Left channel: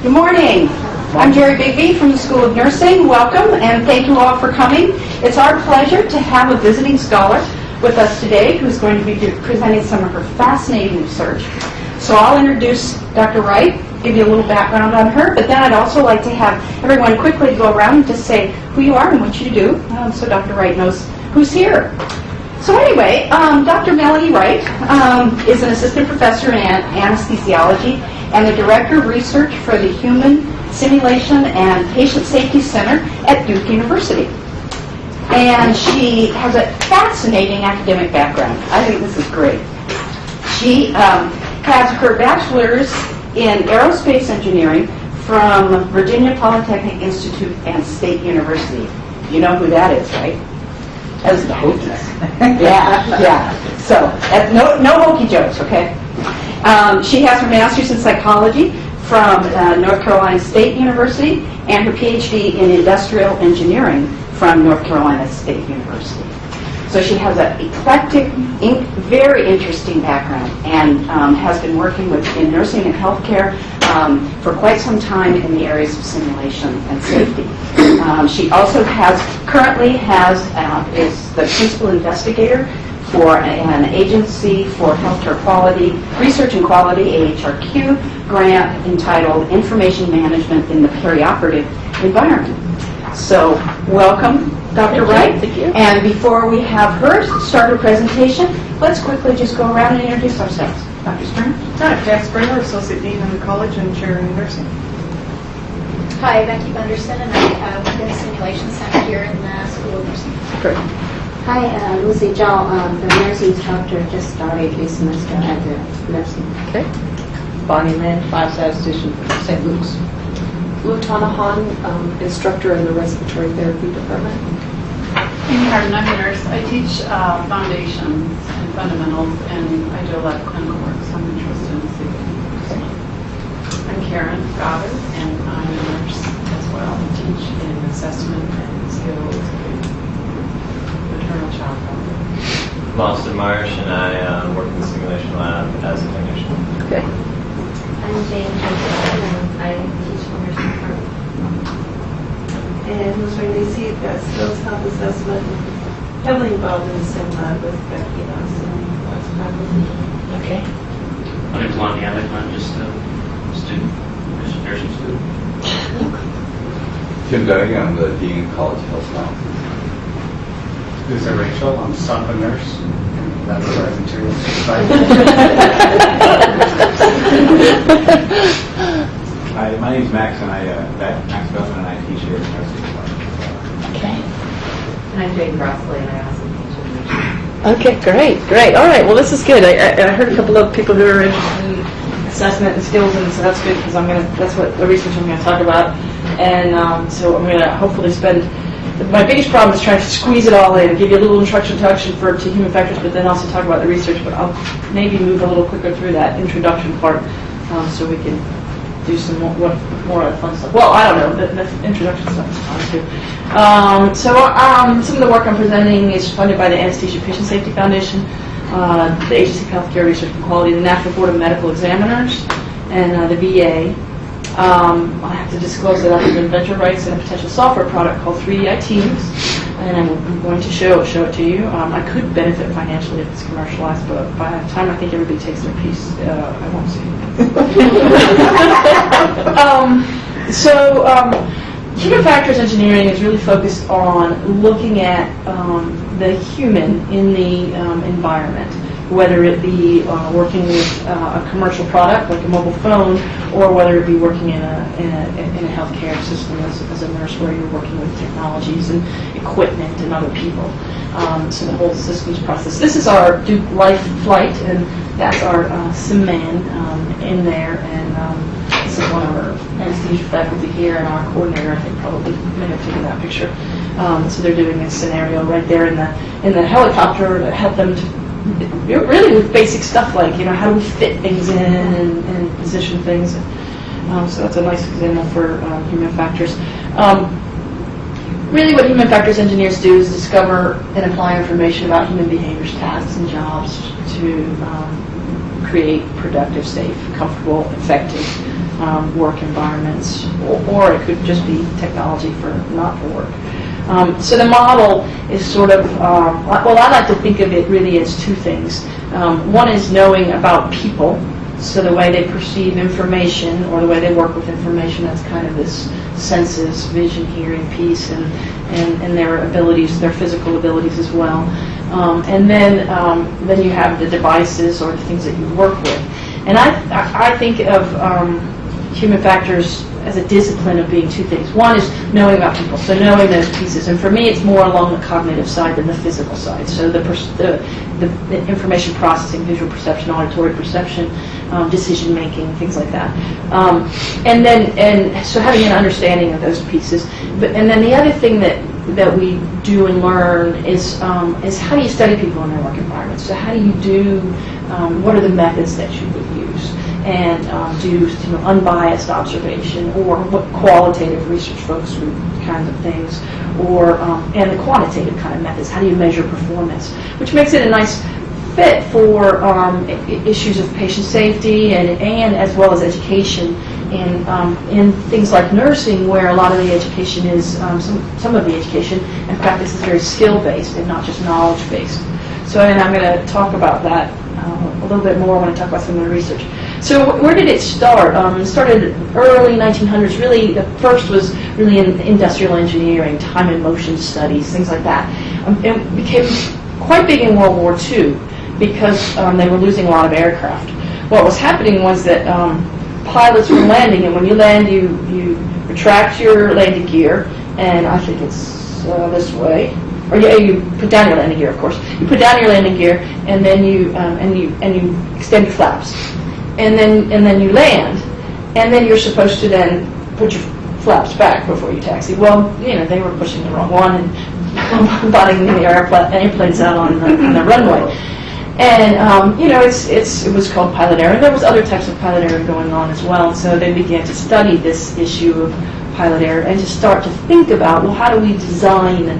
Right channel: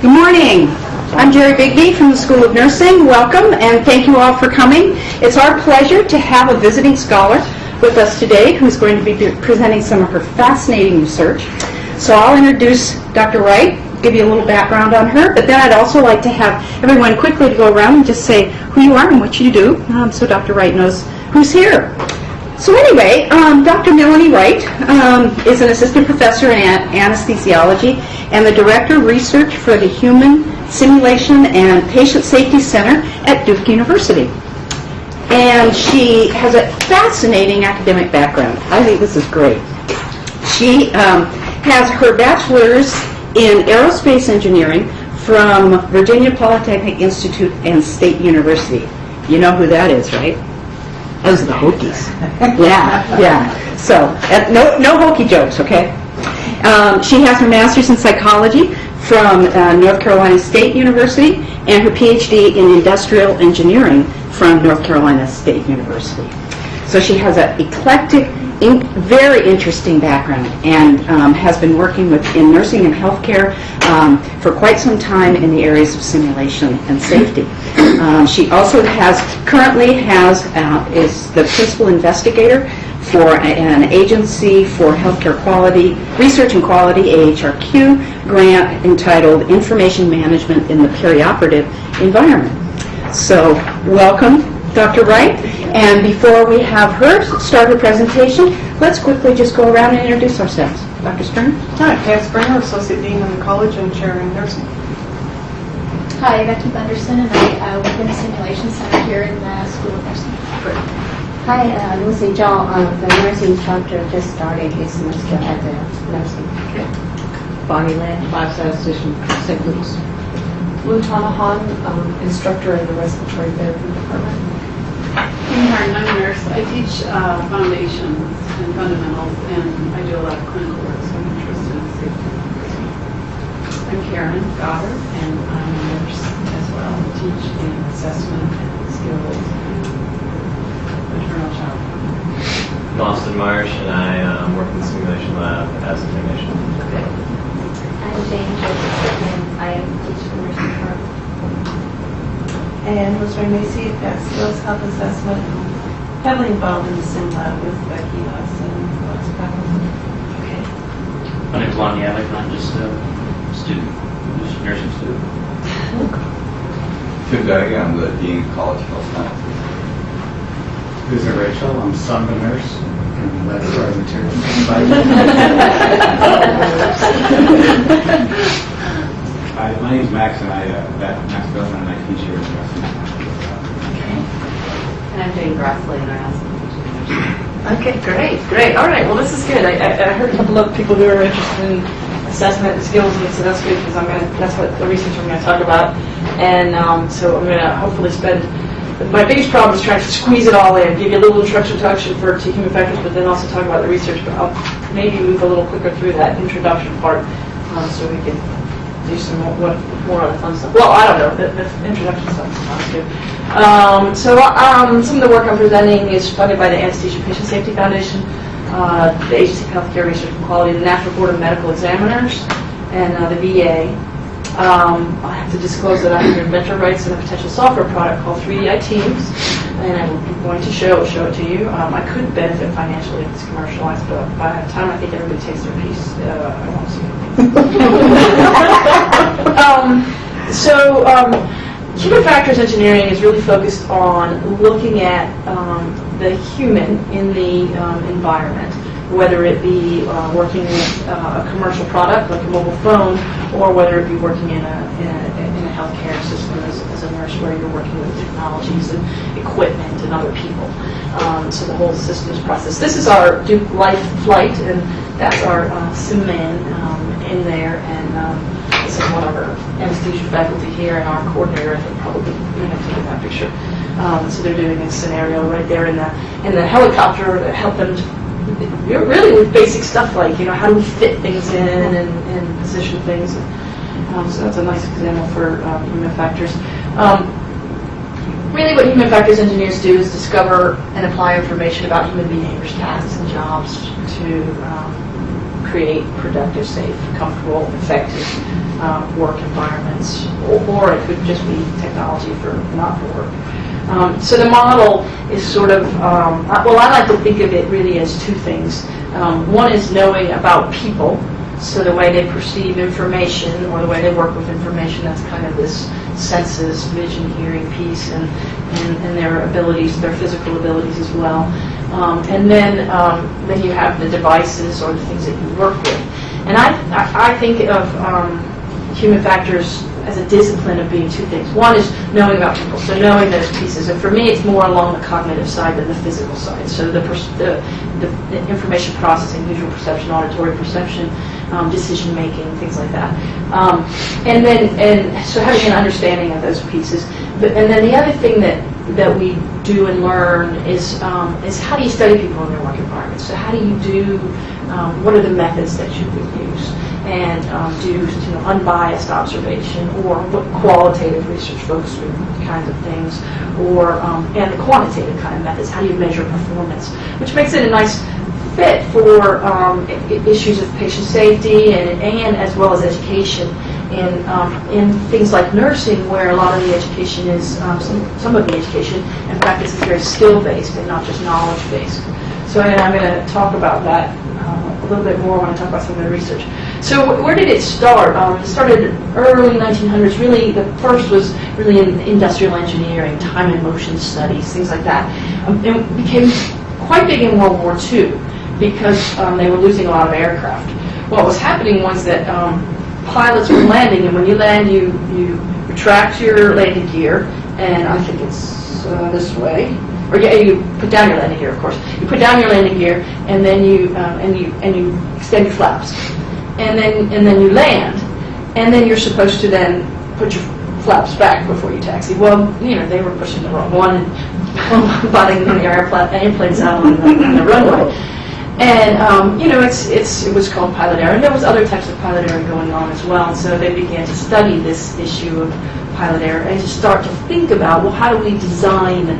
Good morning. I'm Jerry Bigby from the School of Nursing. Welcome, and thank you all for coming. It's our pleasure to have a visiting scholar with us today who's going to be presenting some of her fascinating research. So I'll introduce Dr. Wright, give you a little background on her, but then I'd also like to have everyone quickly to go around and just say who you are and what you do, so Dr. Wright knows who's here. So anyway, Dr. Melanie Wright is an assistant professor in anesthesiology and the director of research for the Human Simulation and Patient Safety Center at Duke University. And she has a fascinating academic background. I think this is great. She has her bachelor's in aerospace engineering from Virginia Polytechnic Institute and State University. You know who that is, right? Those are the Hokies. Yeah. So, no Hokie jokes, okay? She has her master's in psychology from North Carolina State University and her PhD in industrial engineering from North Carolina State University. So she has an eclectic, very interesting background and has been working in nursing and healthcare for quite some time in the areas of simulation and safety. She also currently is the principal investigator for an agency for healthcare quality, research and quality, AHRQ, grant entitled Information Management in the Perioperative Environment. So welcome, Dr. Wright. And before we have her start her presentation, let's quickly just go around and introduce ourselves. Dr. Springer? Hi, Pam Springer, Associate Dean in the College and Chair in Nursing. Hi, Becky Bunderson, and I work in the Simulation Center here in the School of Nursing. Good. Hi, Lucy John, the nursing instructor, just started his semester at the nursing. Okay. Bonnie Lynn, 5 statistician, St. Louis. Lutana Han, instructor in the respiratory therapy department. I'm a nurse. I teach foundations and fundamentals, and I do a lot of clinical work, so I'm interested in safety. I'm Karen Goddard, and I'm a nurse as well. I teach in assessment and skills in maternal child health. I'm Austin Marsh, and I work in the simulation lab as a technician. Okay. I'm Jane Joseph, and I teach the nursing program. And Rosemary Macy, got skills health assessment, heavily involved in sim lab with Becky and us and Okay. My name's Lonnie Alec, and I'm just a student, just a nursing student. Tim Doty, I'm the Dean of College of Health Sciences. This is Rachel, I'm son of a nurse and laboratory materials supervisor. Hi, my name's Max, and Max Bellman, and I teach here at Nursing. Okay. And I'm Jane Grassley, and I also teach in nursing. Okay, great. All right, well, this is good. I heard a couple of people who are interested in assessment and skills, and so that's good because that's what the research I'm going to talk about. And so I'm going to hopefully spend. My biggest problem is trying to squeeze it all in, give you a little introduction to human factors, but then also talk about the research. But I'll maybe move a little quicker through that introduction part so we can do some more of the fun stuff. Well, I don't know, the introduction stuff is fun too. Some of the work I'm presenting is funded by the Anesthesia Patient Safety Foundation, the Agency of Healthcare Research and Quality, the National Board of Medical Examiners, and the VA. I have to disclose that I have inventor rights in a potential software product called 3DIT, and I'm going to show it to you. I could benefit financially if it's commercialized, but if I have time, I think everybody takes their piece. I won't see it. Human factors engineering is really focused on looking at the human in the environment, whether it be working with a commercial product like a mobile phone, or whether it be working in a healthcare system as a nurse, where you're working with technologies and equipment and other people. So the whole systems process. This is our Duke Life flight, and that's our sim man in there, and this is one of our anesthesia faculty here, and our coordinator, I think, probably may have taken that picture. So they're doing this scenario right there in the helicopter to help them really with basic stuff like how to fit things in and position things. So that's a nice example for human factors. Really what human factors engineers do is discover and apply information about human behaviors, tasks, and jobs to create productive, safe, comfortable, effective work environment science, or it could just be technology for not for work. So the model is sort of, well, I like to think of it really as two things. One is knowing about people, so the way they perceive information or the way they work with information, that's kind of this senses, vision, hearing piece, and their abilities, their physical abilities as well. And then you have the devices or the things that you work with. And I think of human factors as a discipline of being two things. One is knowing about people, so knowing those pieces. And for me, it's more along the cognitive side than the physical side. So the information processing, visual perception, auditory perception, decision making, things like that. And so having an understanding of those pieces. And then the other thing that we do and learn is how do you study people in their work environment? So how do you do, what are the methods that you would use? And do unbiased observation, or what qualitative research folks do kinds of things, or and the quantitative kind of methods. How do you measure performance? Which makes it a nice fit for issues of patient safety and as well as education in things like nursing, where a lot of the education is some of the education and practice is very skill based and not just knowledge based. So and I'm going to talk about that a little bit more when I talk about some of the research. So where did it start? It started early 1900s. Really, the first was really in industrial engineering, time and motion studies, things like that. It became quite big in World War II because they were losing a lot of aircraft. What was happening was that pilots were landing, and when you land, you retract your landing gear, and I think it's this way. Or yeah, you put down your landing gear, of course. You put down your landing gear, and then you extend your flaps. And then you land, and then you're supposed to then put your flaps back before you taxi. Well, they were pushing the wrong one and butting the airplanes out on the runway. And it was called pilot error, and there was other types of pilot error going on as well. And so they began to study this issue of pilot error and to start to think about, well, how do we design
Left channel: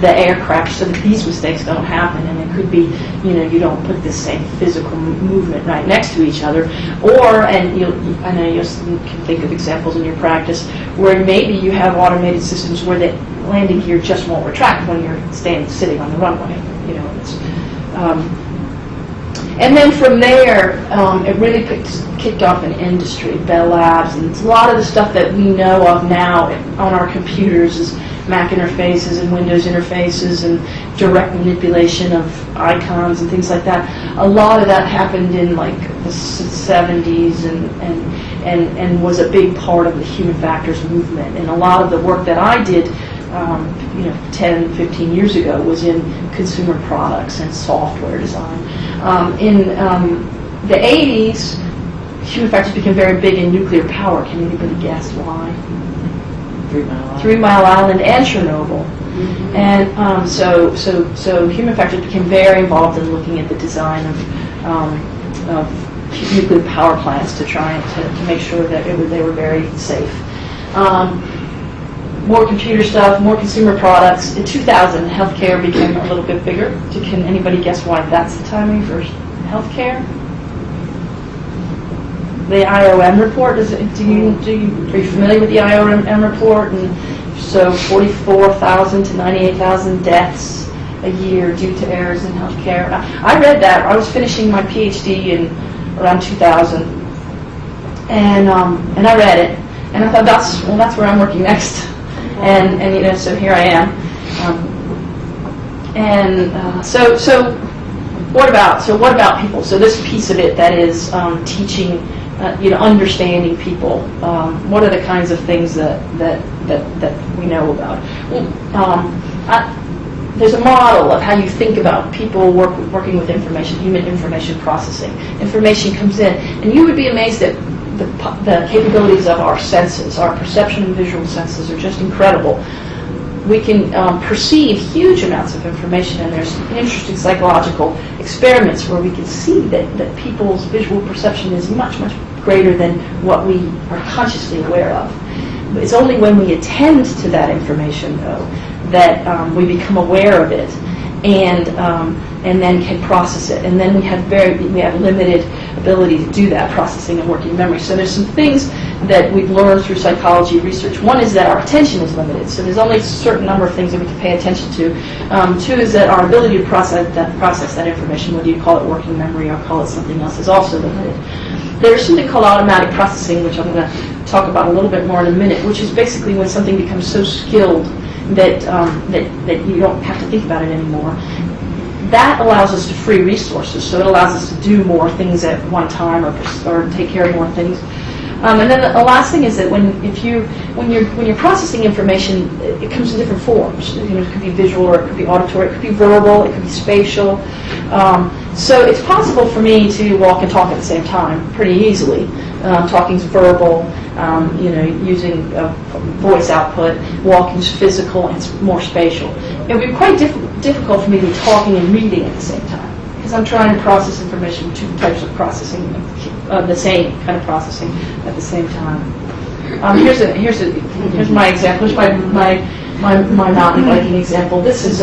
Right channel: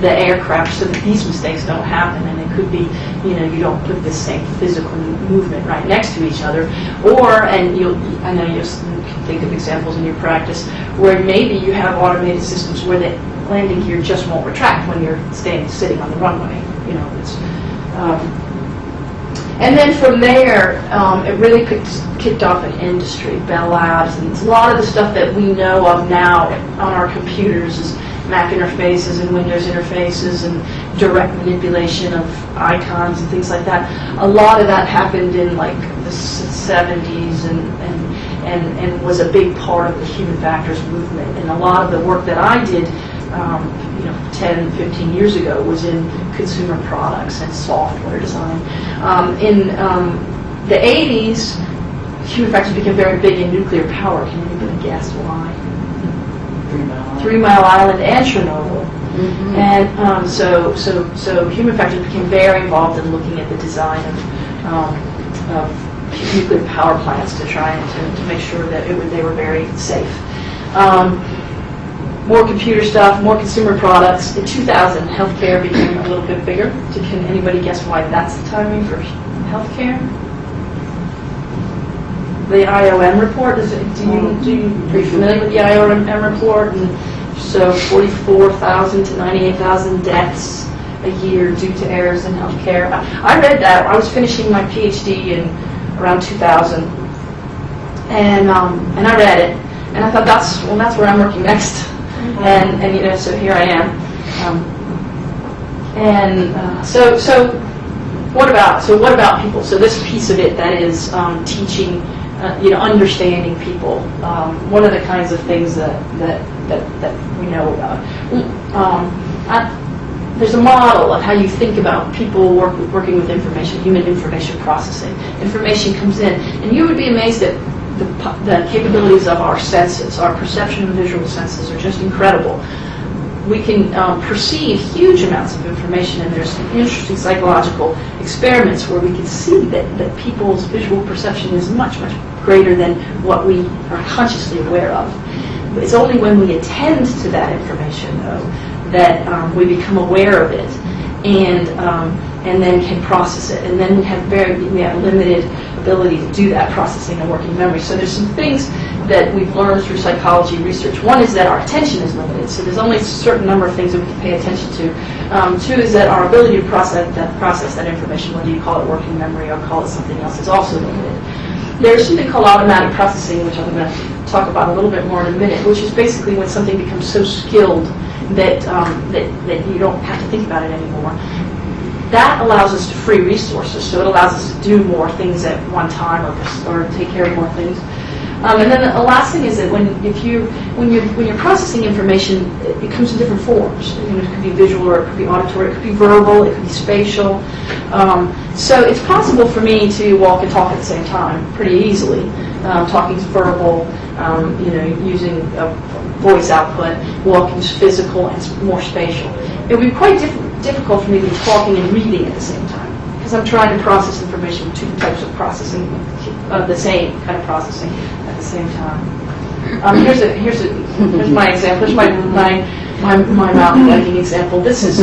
the aircraft so that these mistakes don't happen? And it could be, you don't put the same physical movement right next to each other, or, and I know you can think of examples in your practice where maybe you have automated systems where the landing gear just won't retract when you're sitting on the runway. And then from there, it really kicked off an industry, Bell Labs, and a lot of the stuff that we know of now on our computers is Mac interfaces and Windows interfaces and direct manipulation of icons and things like that. A lot of that happened in like the 70s and was a big part of the human factors movement. And a lot of the work that I did 10, 15 years ago was in consumer products and software design. In the 80s, human factors became very big in nuclear power. Can you even guess why? 3 Mile Island and Chernobyl. Mm-hmm. And so human factors became very involved in looking at the design of nuclear power plants to try to make sure that they were very safe. More computer stuff, more consumer products. In 2000, healthcare became a little bit bigger. Can anybody guess why that's the timing for healthcare? The IOM report, are you familiar with the IOM report? And so 44,000 to 98,000 deaths a year due to errors in healthcare. I read that. I was finishing my PhD in around 2000, and I read it, and I thought that's where I'm working next. And so here I am. So what about people? So this piece of it that is teaching, understanding people. What are the kinds of things that we know about? There's a model of how you think about people working with information, human information processing. Information comes in, and you would be amazed at the capabilities of our senses. Our perception and visual senses are just incredible. We can perceive huge amounts of information, and there's some interesting psychological experiments where we can see that people's visual perception is much, much greater than what we are consciously aware of. But it's only when we attend to that information, though, that we become aware of it and then can process it. And then we have limited ability to do that processing and working memory. So there's some things that we've learned through psychology research. One is that our attention is limited, so there's only a certain number of things that we can pay attention to. Two is that our ability to process that information, whether you call it working memory or call it something else, is also limited. There's something called automatic processing, which I'm going to talk about a little bit more in a minute, which is basically when something becomes so skilled that you don't have to think about it anymore. That allows us to free resources, so it allows us to do more things at one time or take care of more things. And then the last thing is that when you're processing information, it comes in different forms. It could be visual, or it could be auditory, it could be verbal, it could be spatial. So it's possible for me to walk and talk at the same time pretty easily. Talking's verbal, using voice output. Walking's physical, and it's more spatial. It would be quite difficult for me to be talking and reading at the same time, because I'm trying to process information with two types of processing, the same kind of processing at the same time. Here's my example. Here's my mountain biking example. This is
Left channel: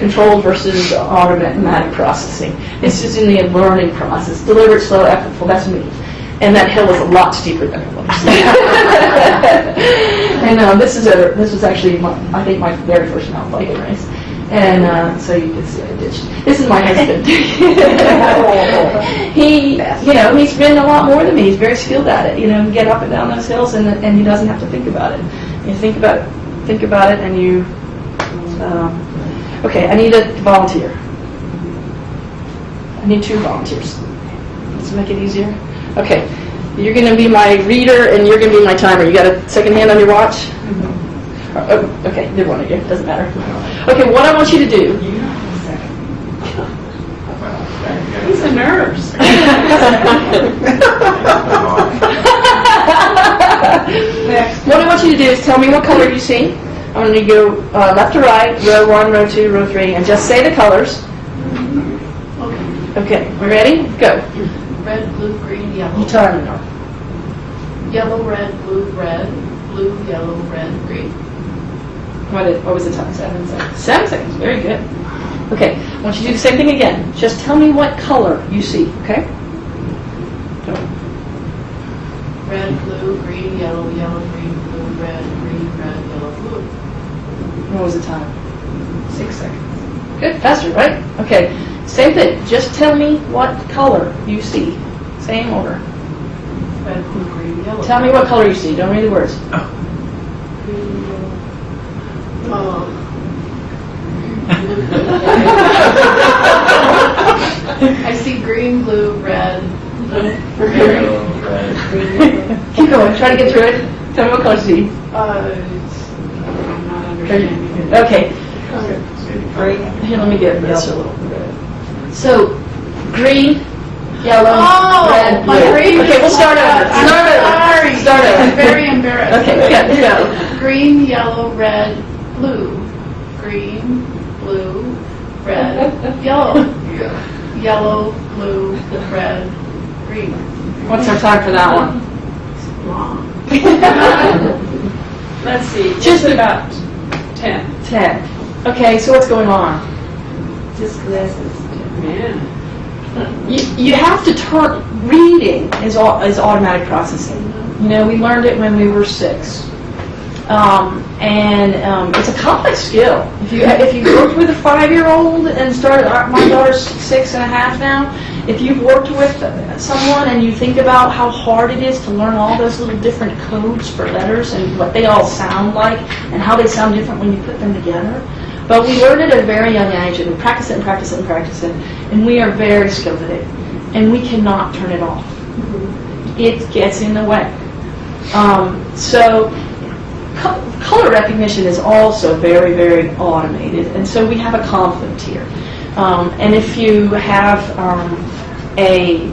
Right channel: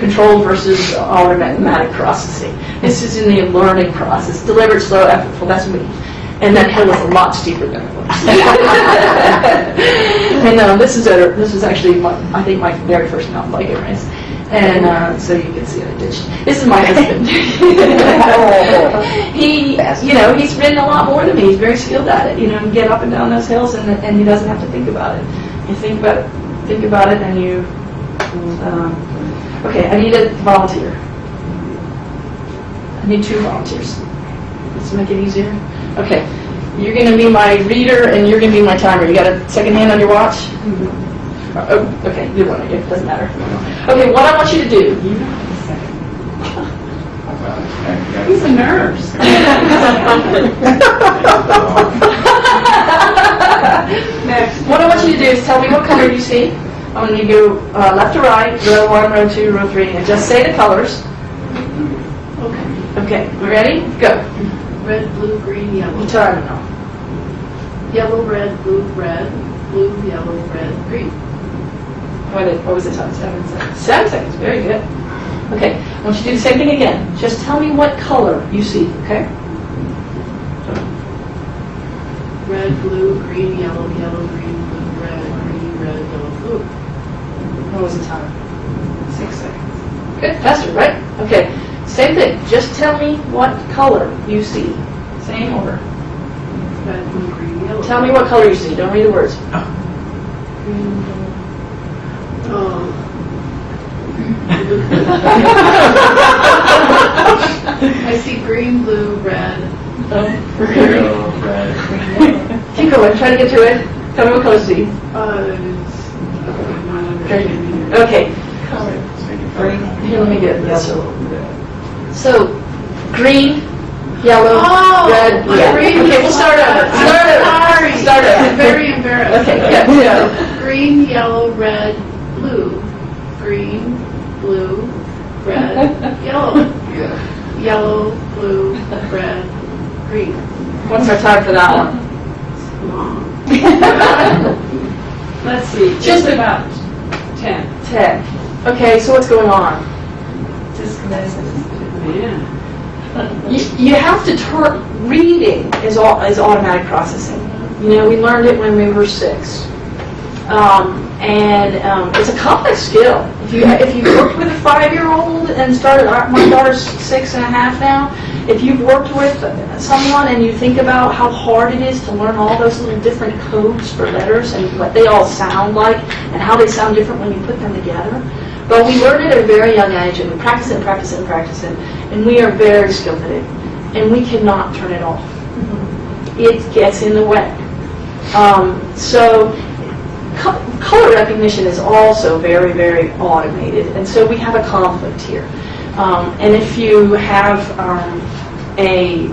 controlled versus automatic processing. This is in the learning process. Deliberate, slow, effortful. That's me. And that hill is a lot steeper than it looks. And this is actually I think my very first mountain biking race. And so you can see the ditch. This is my husband. He's ridden a lot more than me. He's very skilled at it. And get up and down those hills, and he doesn't have to think about it. You think about it, and you. Okay, I need a volunteer. I need 2 volunteers. Let's make it easier. Okay, you're going to be my reader, and you're going to be my timer. You got a second hand on your watch? Oh, okay, you're running it. Doesn't matter. Okay, what I want you to do. He's a nurse. Next. What I want you to do is tell me what color you see. I'm going to go left to right, row 1, row 2, row 3, and just say the colors. Okay, you ready? Go. Red, blue, green, yellow. You time now. Yellow, red, blue, yellow, red, green. What was the time? 7 seconds. 7 seconds. Very good. Okay. I want you to do the same thing again. Just tell me what color you see. Okay. Red, blue, green, yellow, green, blue, red, yellow, blue. What was the time? 6 seconds. Good. Faster, right? Okay. Same thing. Just tell me what color you see. Same order. Red, blue, green, yellow. Tell me what color you see. Don't read the words. Green, I see green, blue, red. Yellow, red. Keep going. Try to get through it. Tell me what color you see. I'm not understanding it. Okay. Here, let me get this. So, green, yellow, red, blue. Green. Okay, we'll start over. I'm sorry. I'm very embarrassed. Okay, yeah. Green, yellow, red, blue. Green, blue, red, yellow. Yellow, blue, red, green. What's our time for that one? Long. Let's see. Just about 10. 10. Okay, so what's going on? You have to turn. Reading is automatic processing. We learned it when we were 6. It's a complex skill. If you worked with a 5-year-old and started, my daughter's 6 and a half now, if you've worked with someone and you think about how hard it is to learn all those little different codes for letters and what they all sound like and how they sound different when you put them together. But we learn it at a very young age, and we practice it, and we are very skilled at it, and we cannot turn it off. It gets in the way. So color recognition is also very, very automated, and so we have a conflict here. And if you have a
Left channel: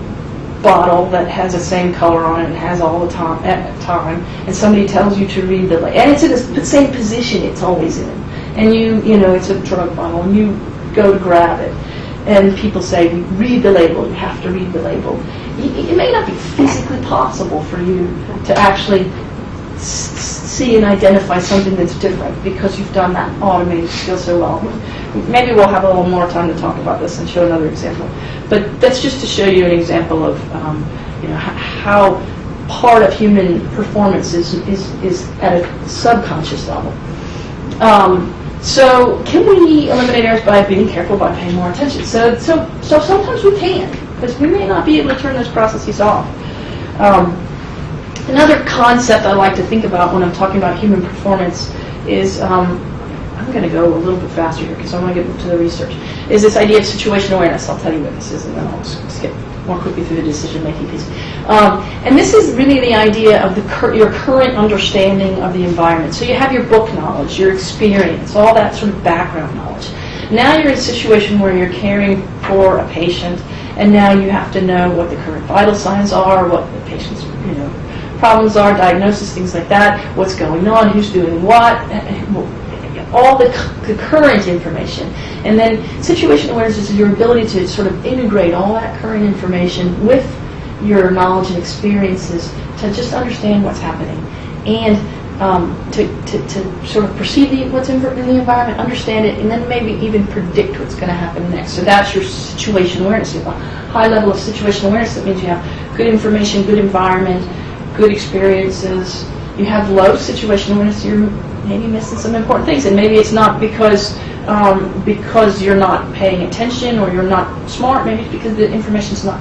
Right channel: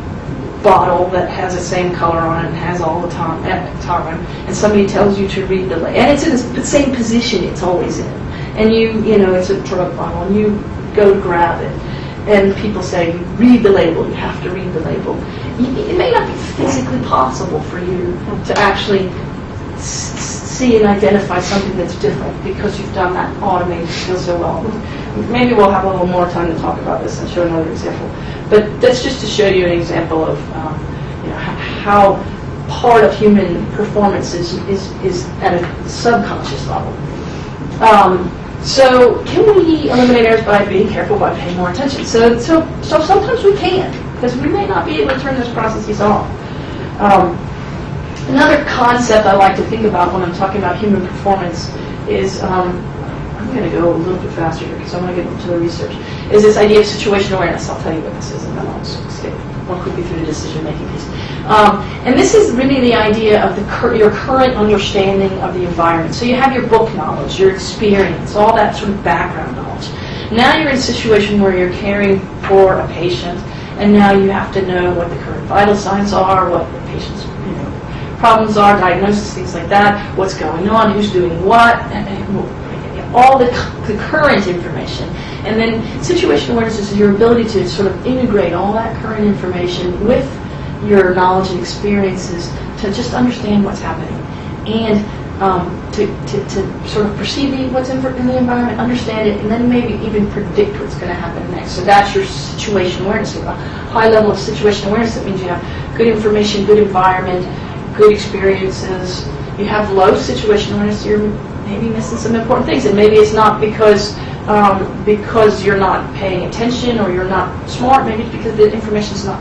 bottle that has the same color on it and has all the time, and somebody tells you to read the label, and it's in the same position it's always in, and it's a drug bottle, and you go to grab it, and people say, read the label, you have to read the label. It may not be physically possible for you to actually see and identify something that's different because you've done that automated skill so well. Maybe we'll have a little more time to talk about this and show another example. But that's just to show you an example of how part of human performance is at a subconscious level. So can we eliminate errors by being careful, by paying more attention? So sometimes we can, because we may not be able to turn those processes off. Another concept I like to think about when I'm talking about human performance is, I'm going to go a little bit faster here because I want to get into the research, is this idea of situation awareness. I'll tell you what this is, and then I'll skip more quickly through the decision-making piece. And this is really the idea of your current understanding of the environment. So you have your book knowledge, your experience, all that sort of background knowledge. Now you're in a situation where you're caring for a patient, and now you have to know what the current vital signs are, what the patient's problems are, diagnosis, things like that, what's going on, who's doing what, all the current information. And then situation awareness is your ability to sort of integrate all that current information with your knowledge and experiences to just understand what's happening and to sort of perceive what's in the environment, understand it, and then maybe even predict what's going to happen next. So that's your situation awareness. You have a high level of situation awareness. That means you have good information, good environment, good experiences. You have low situation awareness. You're maybe missing some important things, and maybe it's not because you're not paying attention or you're not smart. Maybe it's because the information's not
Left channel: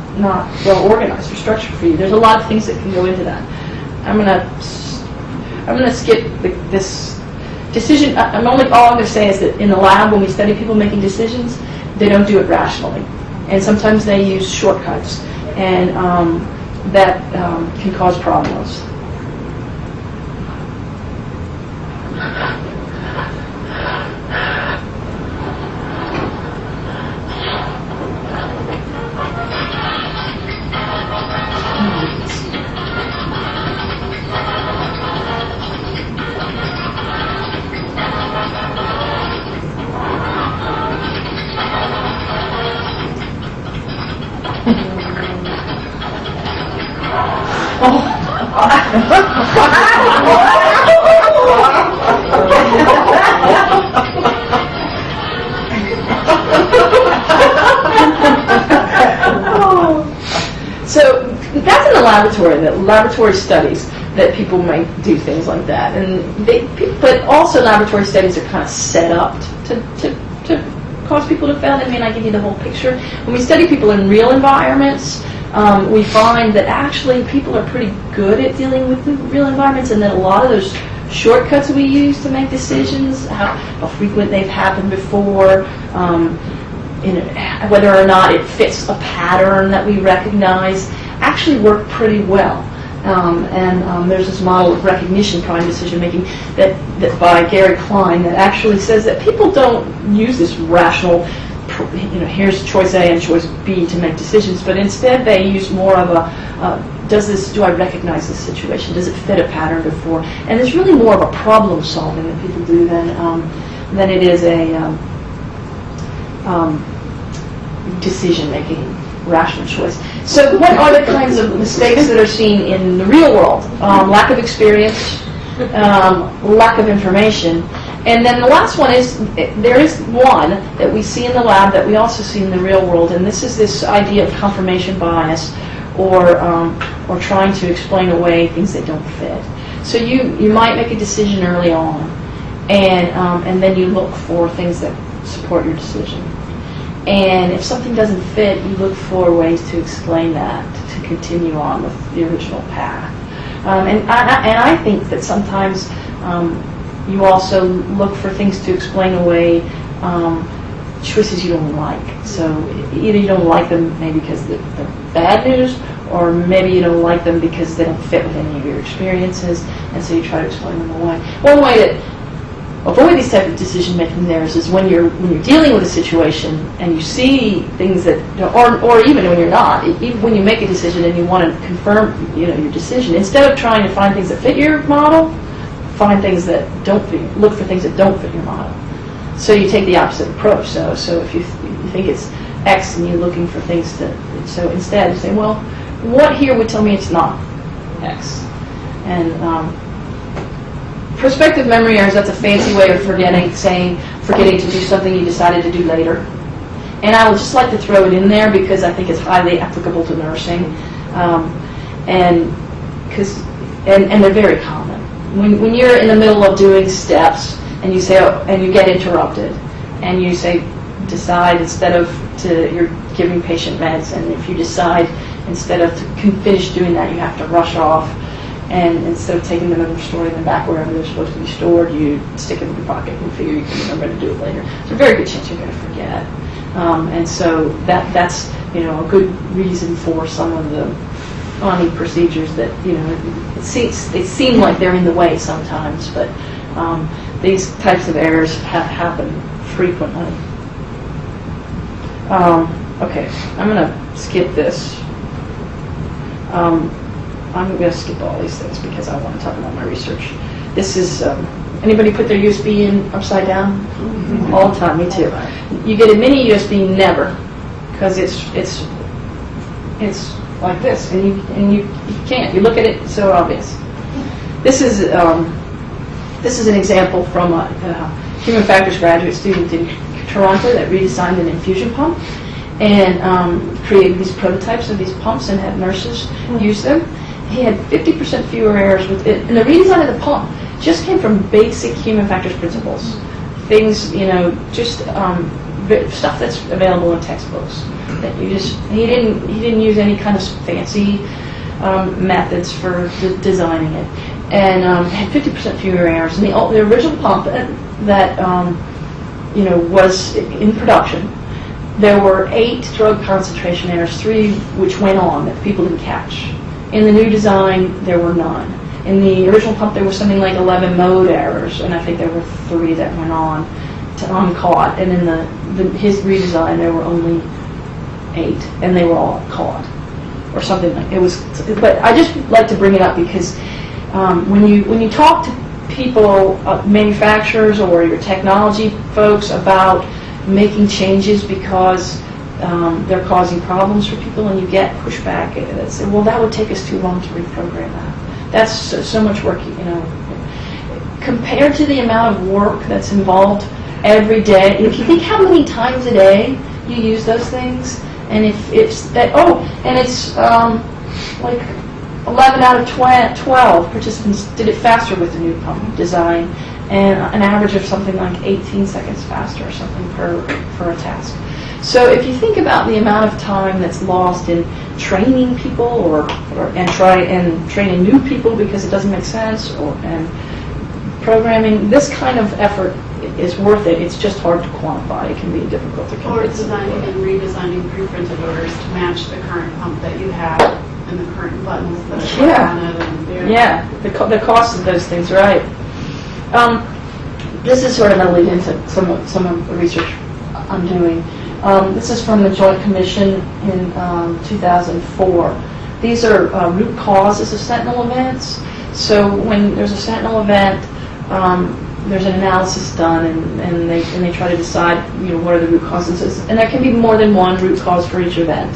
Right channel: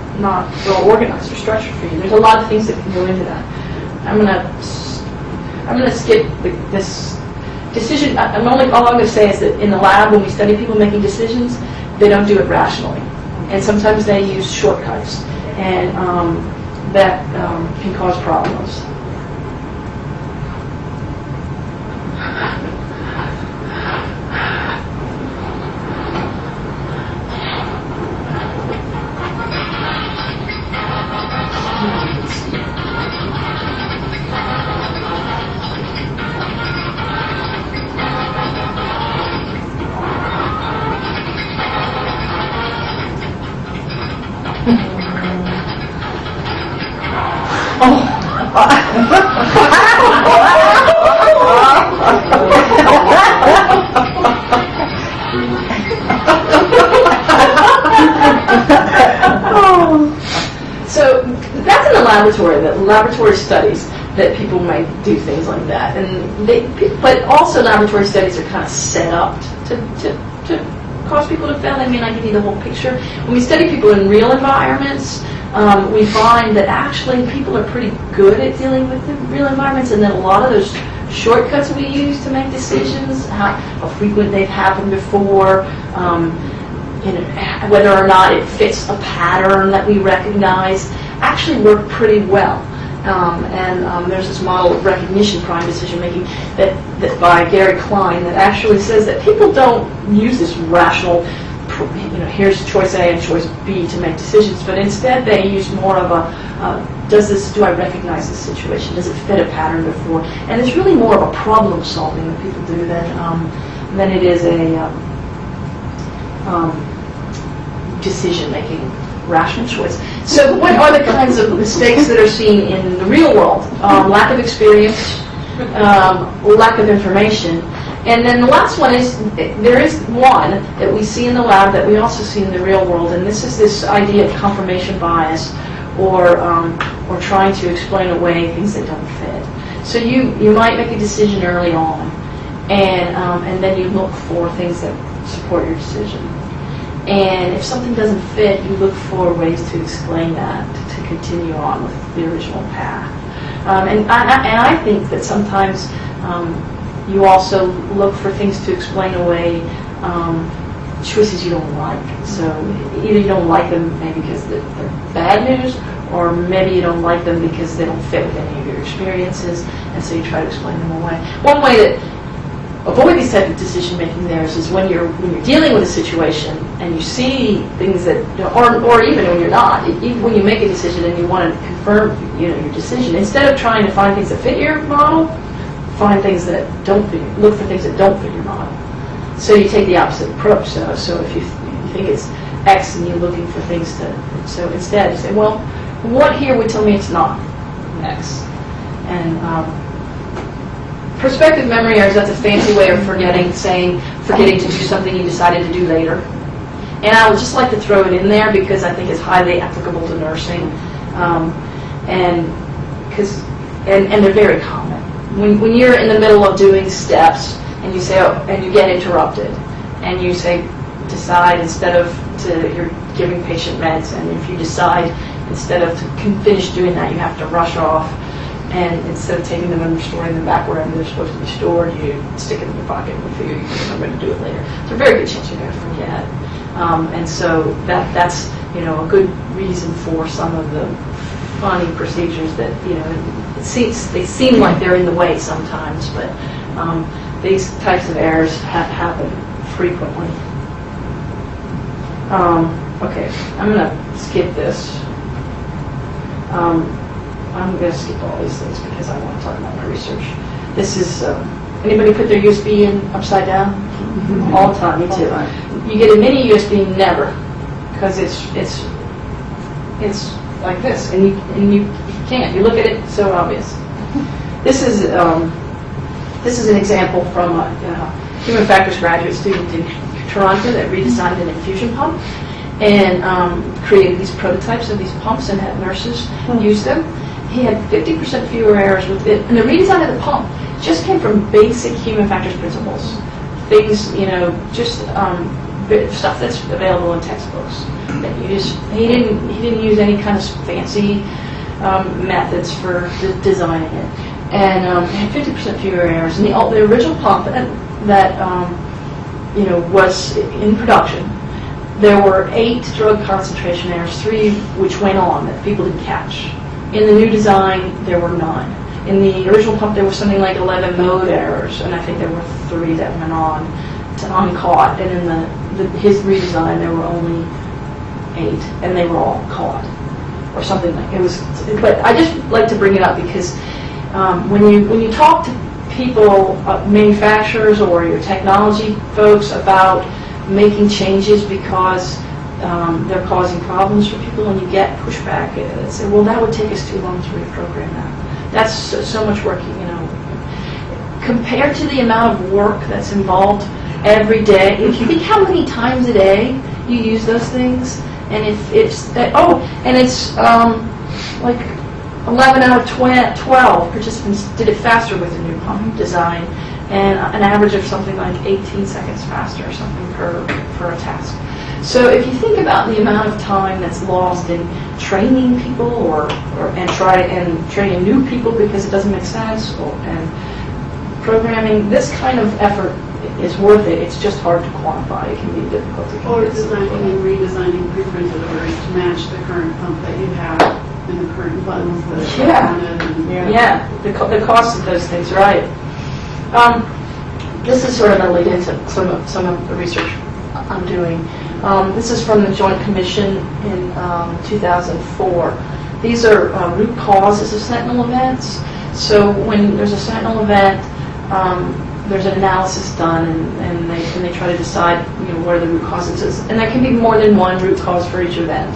well organized or structured for you. There's a lot of things that can go into that. I'm gonna skip this decision. All I'm going to say is that in the lab, when we study people making decisions, they don't do it rationally, and sometimes they use shortcuts, and that can cause problems. So that's in the laboratory, laboratory studies that people may do things like that, but also laboratory studies are kind of set up to cause people to fail. They may not give you the whole picture. When we study people in real environments, we find that actually people are pretty good at dealing with the real environments, and that a lot of those shortcuts we use to make decisions, how frequent they've happened before, whether or not it fits a pattern that we recognize, actually work pretty well. And there's this model of recognition prime decision making that by Gary Klein that actually says that people don't use this rational, here's choice A and choice B to make decisions, but instead they use more of a do I recognize this situation? Does it fit a pattern before? And it's really more of a problem solving that people do than it is a decision making, rational choice. So what are the kinds of mistakes that are seen in the real world? Lack of experience, lack of information. And then the last one is, there is one that we see in the lab that we also see in the real world, and this is this idea of confirmation bias, or trying to explain away things that don't fit. So you might make a decision early on, and then you look for things that support your decision. And if something doesn't fit, you look for ways to explain that, to continue on with the original path. And I think that sometimes you also look for things to explain away choices you don't like. So either you don't like them maybe because they're bad news, or maybe you don't like them because they don't fit with any of your experiences, and so you try to explain them away. One way to avoid these type of decision-making errors is when you're dealing with a situation and you see things that, or even when you're not, when you make a decision and you want to confirm, your decision, instead of trying to find things that fit your model, find things that don't fit. Look for things that don't fit your model. So you take the opposite approach. So if you think it's X and you're looking for things so instead you say, well, what here would tell me it's not X? And prospective memory errors, that's a fancy way of forgetting to do something you decided to do later. And I would just like to throw it in there because I think it's highly applicable to nursing. And and they're very common. When you're in the middle of doing steps and you say, and you get interrupted, and you say, decide instead of you're giving patient meds, and if you decide instead of to finish doing that, you have to rush off, and instead of taking them and storing them back wherever they're supposed to be stored, you stick them in your pocket and figure I'm going to do it later. It's a very good chance you're going to forget. And so that's a good reason for some of the funny procedures that they seem like they're in the way sometimes, but these types of errors happen frequently. Okay, I'm going to skip this. I'm going to skip all these things because I want to talk about my research. This is, anybody put their USB in upside down? All the time, me too. You get a mini USB, never, because it's like this, and you can't. You look at it, it's so obvious. This is an example from a human factors graduate student in Toronto that redesigned an infusion pump and created these prototypes of these pumps and had nurses use them. He had 50% fewer errors with it, and the redesign of the pump just came from basic human factors principles. Things, just stuff that's available in textbooks. That he didn't use any kind of fancy methods for designing it, and had 50% fewer errors. And the original pump that was in production, there were 8 drug concentration errors, 3 which went on that people didn't catch. In the new design, there were none. In the original pump, there was something like 11 mode errors, and I think there were 3 that went on to uncaught. And in his redesign, there were only 8, and they were all caught, or something like it was. But I just like to bring it up because when you talk to people, manufacturers or your technology folks about making changes because they're causing problems for people, and you get pushback, they say, well, that would take us too long to reprogram that. That's so much work, compared to the amount of work that's involved every day. If you think how many times a day you use those things, and if it's that, and it's like 11 out of 12 participants did it faster with the new pump design, and an average of something like 18 seconds faster or something for a task. So if you think about the amount of time that's lost in training people and training new people because it doesn't make sense, and programming, this kind of effort is worth it. It's just hard to quantify. It can be difficult to Or designing and redesigning pre-printed orders to match the current pump that you have and the current buttons that are on it. Yeah, the cost of those things, right. This is sort of going to lead into some of the research I'm doing. This is from the Joint Commission in 2004. These are root causes of sentinel events. So when there's a sentinel event, there's an analysis done, and they try to decide, what are the root causes. And there can be more than one root cause for each event.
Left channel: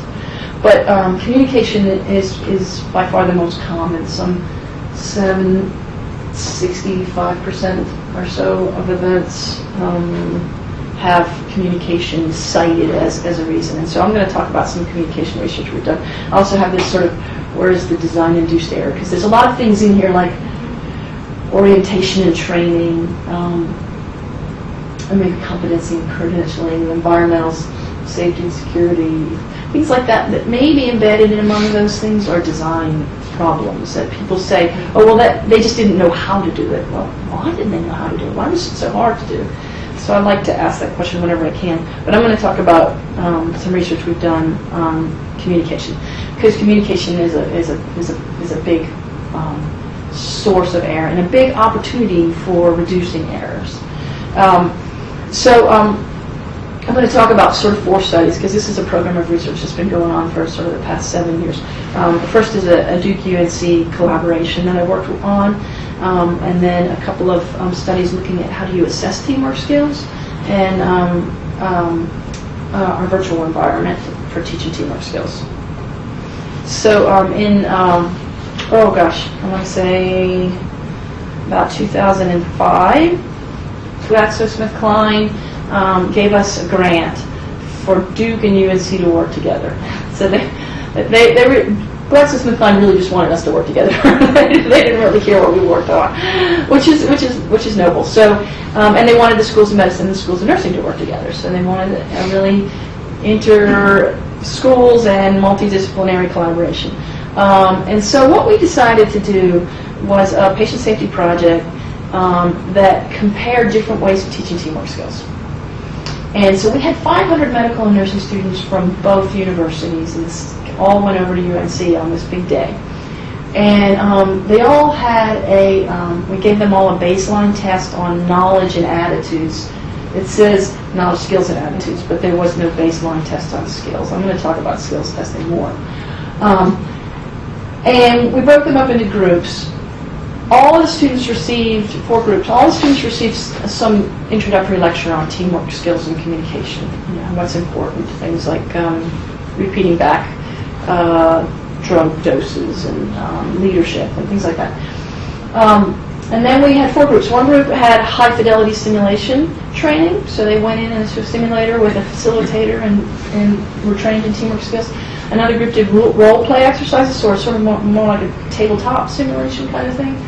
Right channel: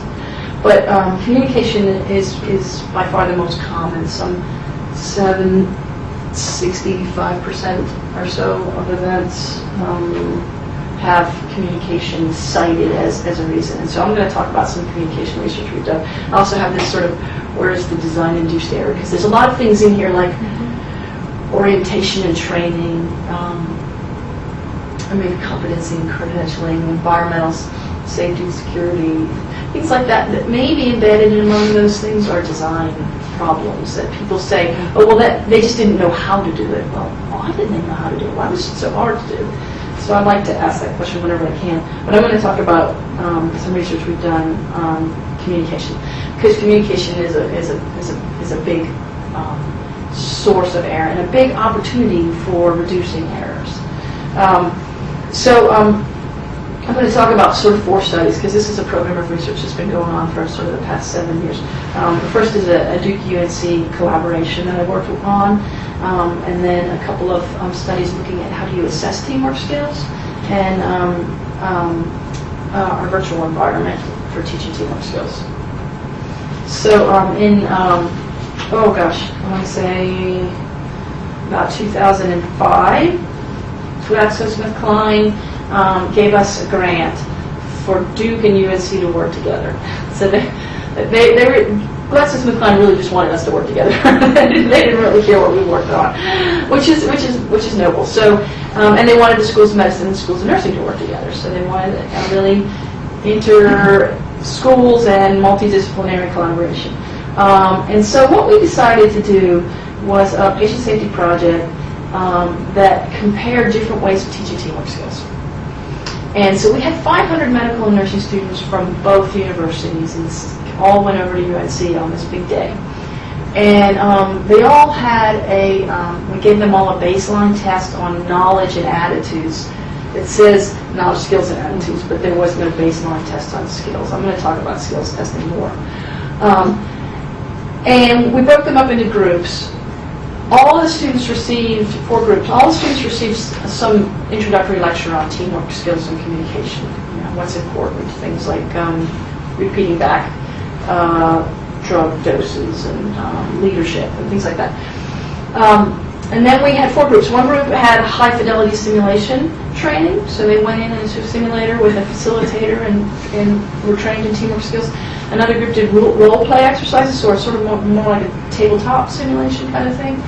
But communication is by far the most common. 65% or so of events have communication cited as a reason. And so I'm going to talk about some communication research we've done. I also have this sort of, where is the design-induced error? Because there's a lot of things in here like orientation and training, maybe competency and credentialing, environmental safety and security, things like that may be embedded among those things are design problems that people say, they just didn't know how to do it. Well, why didn't they know how to do it? Why was it so hard to do? So I'd like to ask that question whenever I can. But I'm going to talk about some research we've done on communication, because communication is a big source of error and a big opportunity for reducing errors. I'm going to talk about sort of 4 studies, because this is a program of research that's been going on for sort of the past 7 years. The first is a Duke UNC collaboration that I worked on, and then a couple of studies looking at how do you assess teamwork skills, and our virtual environment for teaching teamwork skills. So I want to say about 2005, GlaxoSmithKline gave us a grant for Duke and UNC to work together. So Gladstone Smith Kline really just wanted us to work together. They didn't really care what we worked on, which is noble. So, and they wanted the schools of medicine and the schools of nursing to work together. So they wanted a really inter-schools and multidisciplinary collaboration. And so what we decided to do was a patient safety project that compared different ways of teaching teamwork skills. And so we had 500 medical and nursing students from both universities, and all went over to UNC on this big day. And they all had we gave them all a baseline test on knowledge and attitudes. It says knowledge, skills, and attitudes, but there was no baseline test on skills. I'm going to talk about skills testing more. And we broke them up into groups. All the students received, 4 groups, all the students received some introductory lecture on teamwork skills and communication. You know, what's important, things like repeating back drug doses and leadership and things like that. And then we had 4 groups. One group had high fidelity simulation training, so they went into a simulator with a facilitator and were trained in teamwork skills. Another group did role play exercises, so sort of more like a tabletop simulation kind of thing.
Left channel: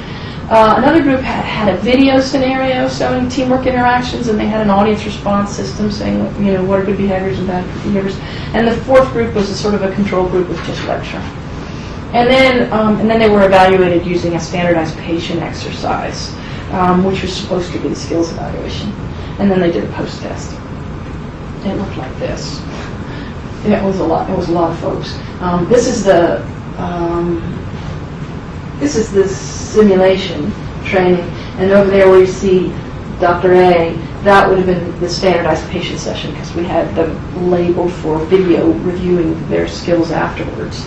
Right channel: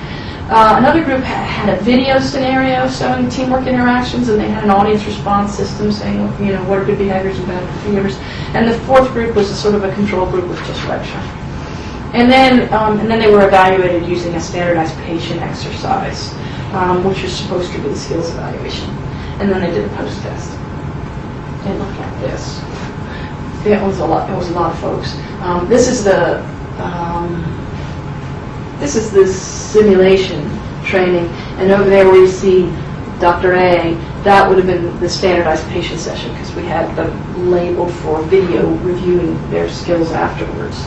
Another group had a video scenario showing teamwork interactions, and they had an audience response system saying, you know, what are good behaviors and bad behaviors. And the 4th group was a sort of a control group with just lecture. And then they were evaluated using a standardized patient exercise, which was supposed to be the skills evaluation. And then they did a post-test. It looked like this. It was a lot. It was a lot of folks. This is the simulation training, and over there where you see Dr. A, that would have been the standardized patient session because we had them labeled for video reviewing their skills afterwards.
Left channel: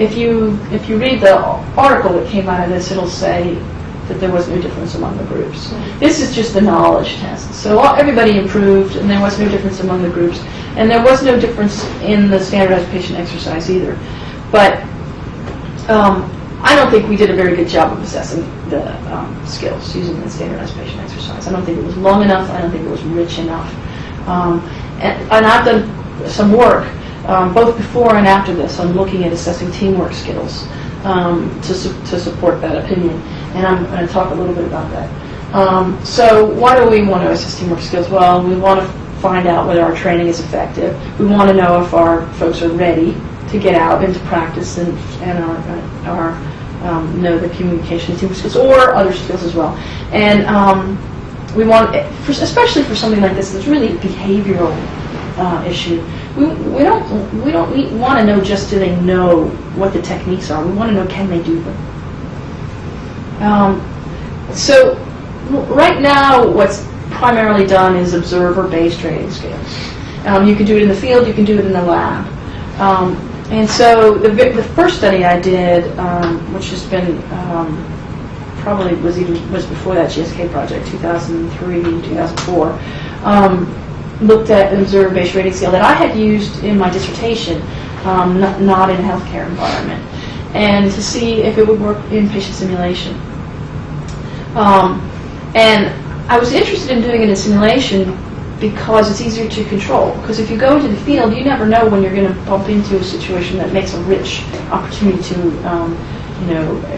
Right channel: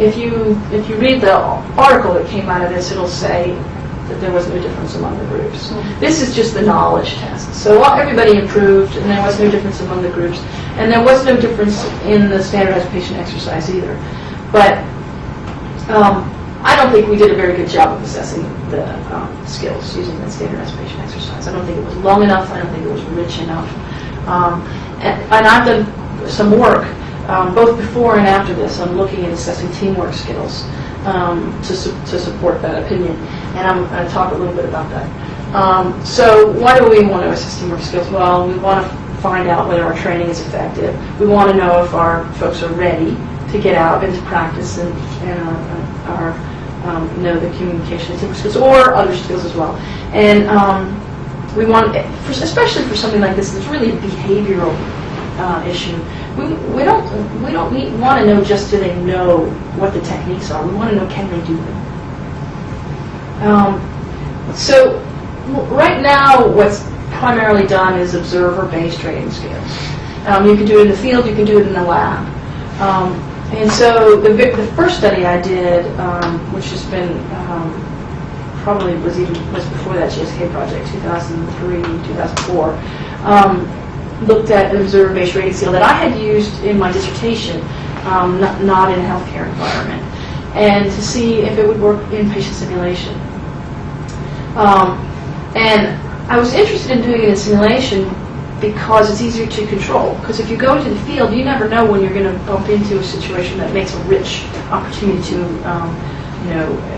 If you read the article that came out of this, it'll say that there was no difference among the groups. This is just the knowledge test. So everybody improved, and there was no difference among the groups. And there was no difference in the standardized patient exercise either. But I don't think we did a very good job of assessing the skills using the standardized patient exercise. I don't think it was long enough. I don't think it was rich enough. And I've done some work, both before and after this, on looking at assessing teamwork skills to support that opinion. And I'm going to talk a little bit about that. So why do we want to assess teamwork skills? Well, we want to find out whether our training is effective. We want to know if our folks are ready to get out into practice and know the communication and teamwork skills, or other skills as well. And we want, especially for something like this, it's really a behavioral issue. We don't want to know just do they know what the techniques are. We want to know, can they do them. So right now, what's primarily done is observer-based rating scales. You can do it in the field, you can do it in the lab. And so the first study I did, which has been probably was before that GSK project, 2003, 2004, looked at an observer-based rating scale that I had used in my dissertation, not in a healthcare environment, and to see if it would work in patient simulation. And I was interested in doing it in simulation because it's easier to control. Because if you go into the field, you never know when you're going to bump into a situation that makes a rich opportunity to,